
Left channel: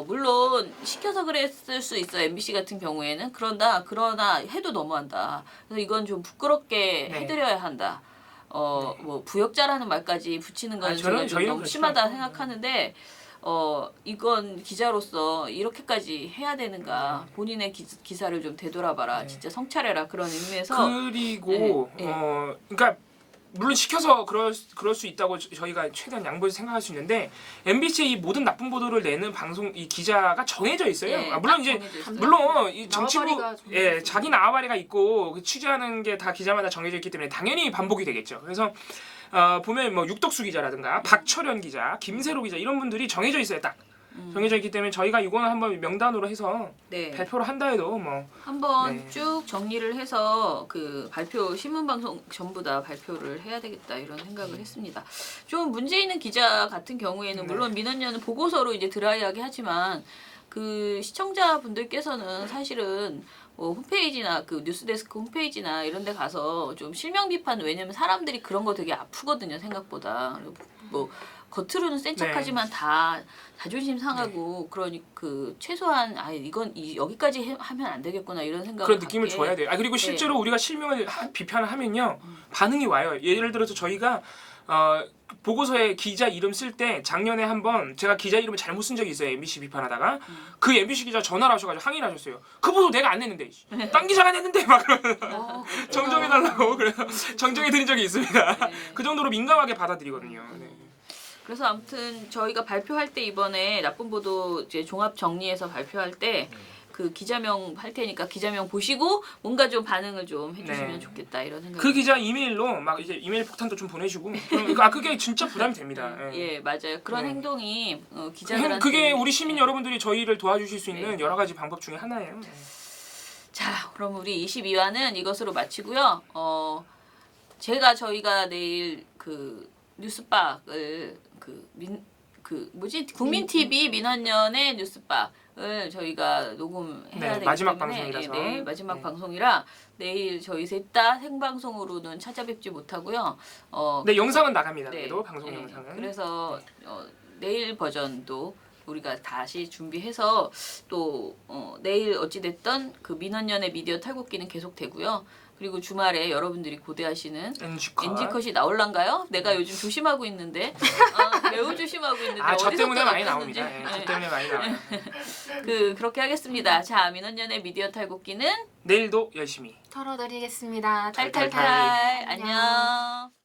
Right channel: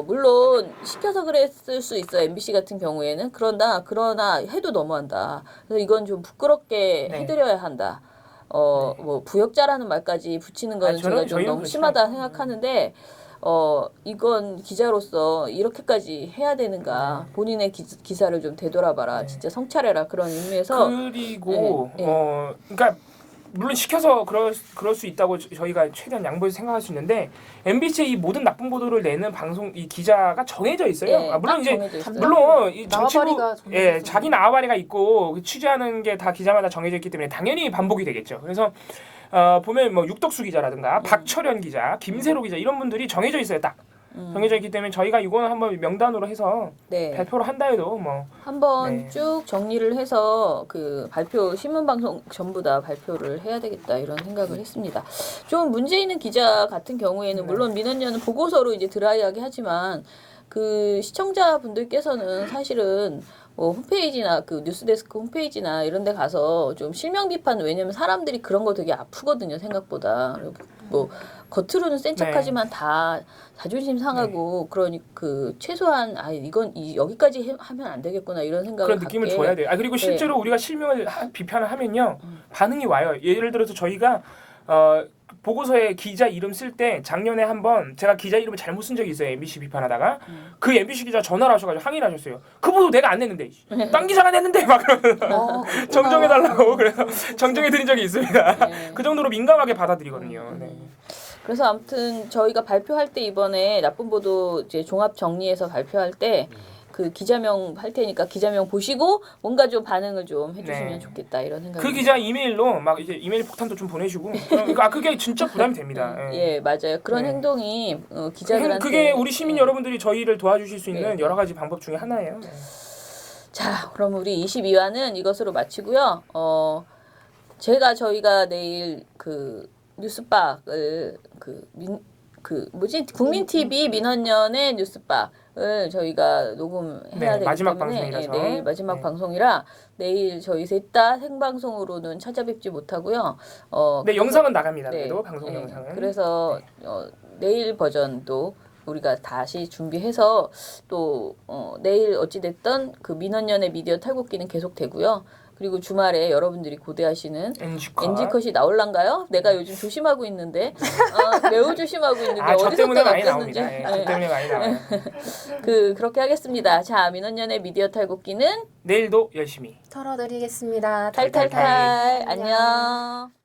물론 시켜서 그랬을 수 있어요. MBC 같은 경우에는. 그러나 해도 너무한다. 그래서 이건 좀 부끄럽게 네. 해드려야 한다. 뭐 부역자라는 말까지 붙이는 건 제가 좀 너무 심하다 생각하는데 이건 기자로서 이렇게까지 해야 되는가. 본인의 기사를 좀 되돌아봐라. 네. 진짜 성찰해라. 그런 의미에서 그리고 네. 그러니까 물론 시켜서 그럴 수 있다고 저희가 최대한 양보해서 생각할 수 있는데 MBC의 이 모든 나쁜 보도를 내는 방송 이 기자가 정해져 있어요. 네, 물론 딱 이제 정해져 있어요. 물론 이 정치부 나와바리가 정해져 예, 있어요. 자기 나와바리가 있고 취재하는 게 다 기자마다 정해져 있기 때문에 당연히 반복이 되겠죠. 그래서 보면 뭐 육덕수 기자라든가 박철현 기자, 김세로 기자 이런 분들이 정해져 있어요. 딱 정해져 있기 때문에 저희가 이거는 한번 명단으로 해서 네. 발표를 한다 해도 뭐 한번 네. 쭉 정리를 해서 그 발표 신문 방송 전부 다 발표를 해야 되겠다 이런 생각을 했습니다. 좀 문제 있는 기자 같은 경우에는 물론 민원연은 보고서로 이제 드라이하게 하지만 그 시청자분들께서는 사실은 뭐 홈페이지나 그 뉴스데스크 홈페이지나 이런 데 가서 좀 실명 비판 왜냐면 사람들이 그런 거 되게 아프거든요 생각보다. 뭐 겉으로는 센 척하지만 다 자존심 상하고 그러니 그 최소한 이건 여기까지 하면 안 되겠구나 이런 생각을 그런 느낌을 갖게. 줘야 돼요. 그리고 실제로 우리가 실명을 비판을 하면요 반응이 와요. 예를 들어서 저희가 보고서에 기자 이름 쓸 때 작년에 한번 제가 기자 이름을 잘못 쓴 적이 있어요. MBC 비판하다가 그 MBC 기자 전화를 하셔가지고 항의를 하셨어요. 그 보도 내가 안 냈는데 딴 기자가 냈는데 막 그러면서 정정해달라고 그래서 정정해드린 적이 있습니다. 네. 그 정도로 민감하게 받아들이거든요. 네. 그래서 아무튼 저희가 발표할 때 이번에 나쁜 보도 이제 종합 정리해서 발표할 때 그 기자명 할 테니까 기자명 보시고 뭔가 좀 반응을 좀 해주시면 네. 좋겠다 이런 생각이. 그 기자 이메일로 막 이제 이메일 폭탄도 좀 보내주고 그게 진짜 부담이 됩니다. 예 맞아요. 그런 네. 행동이 기자들한테 그게 우리 시민 여러분들이 저희를 도와주실 수 있는 네. 여러 가지 방법 중에 하나예요. 자, 그럼 우리 22화는 이것으로 마치고요. 저희가 내일 그 뉴스박을 국민 TV 민원연의 뉴스박을 저희가 녹음해야 되기 마지막 때문에 방송이라서. 내일 마지막 네. 방송이라 내일 저희 셋 다 생방송으로는 찾아뵙지 못하고요. 네, 그래서- 영상은 나갑니다. 네, 그래도 방송 네. 영상은. 그래서 내일 버전도 우리가 다시 준비해서 또 내일 어찌됐든 그 민원연의 미디어 탈곡기는 계속되고요. 그리고 주말에 여러분들이 고대하시는 NG컷이 나올란가요? 내가 요즘 조심하고 있는데 매우 조심하고 있는데 저 때문에 어디서 많이 나왔는지 나옵니다. 저 때문에 많이 나와요. 그렇게 하겠습니다. 자, 민원연의 미디어 탈곡기는 내일도 열심히. 털어드리겠습니다. 탈탈탈 안녕.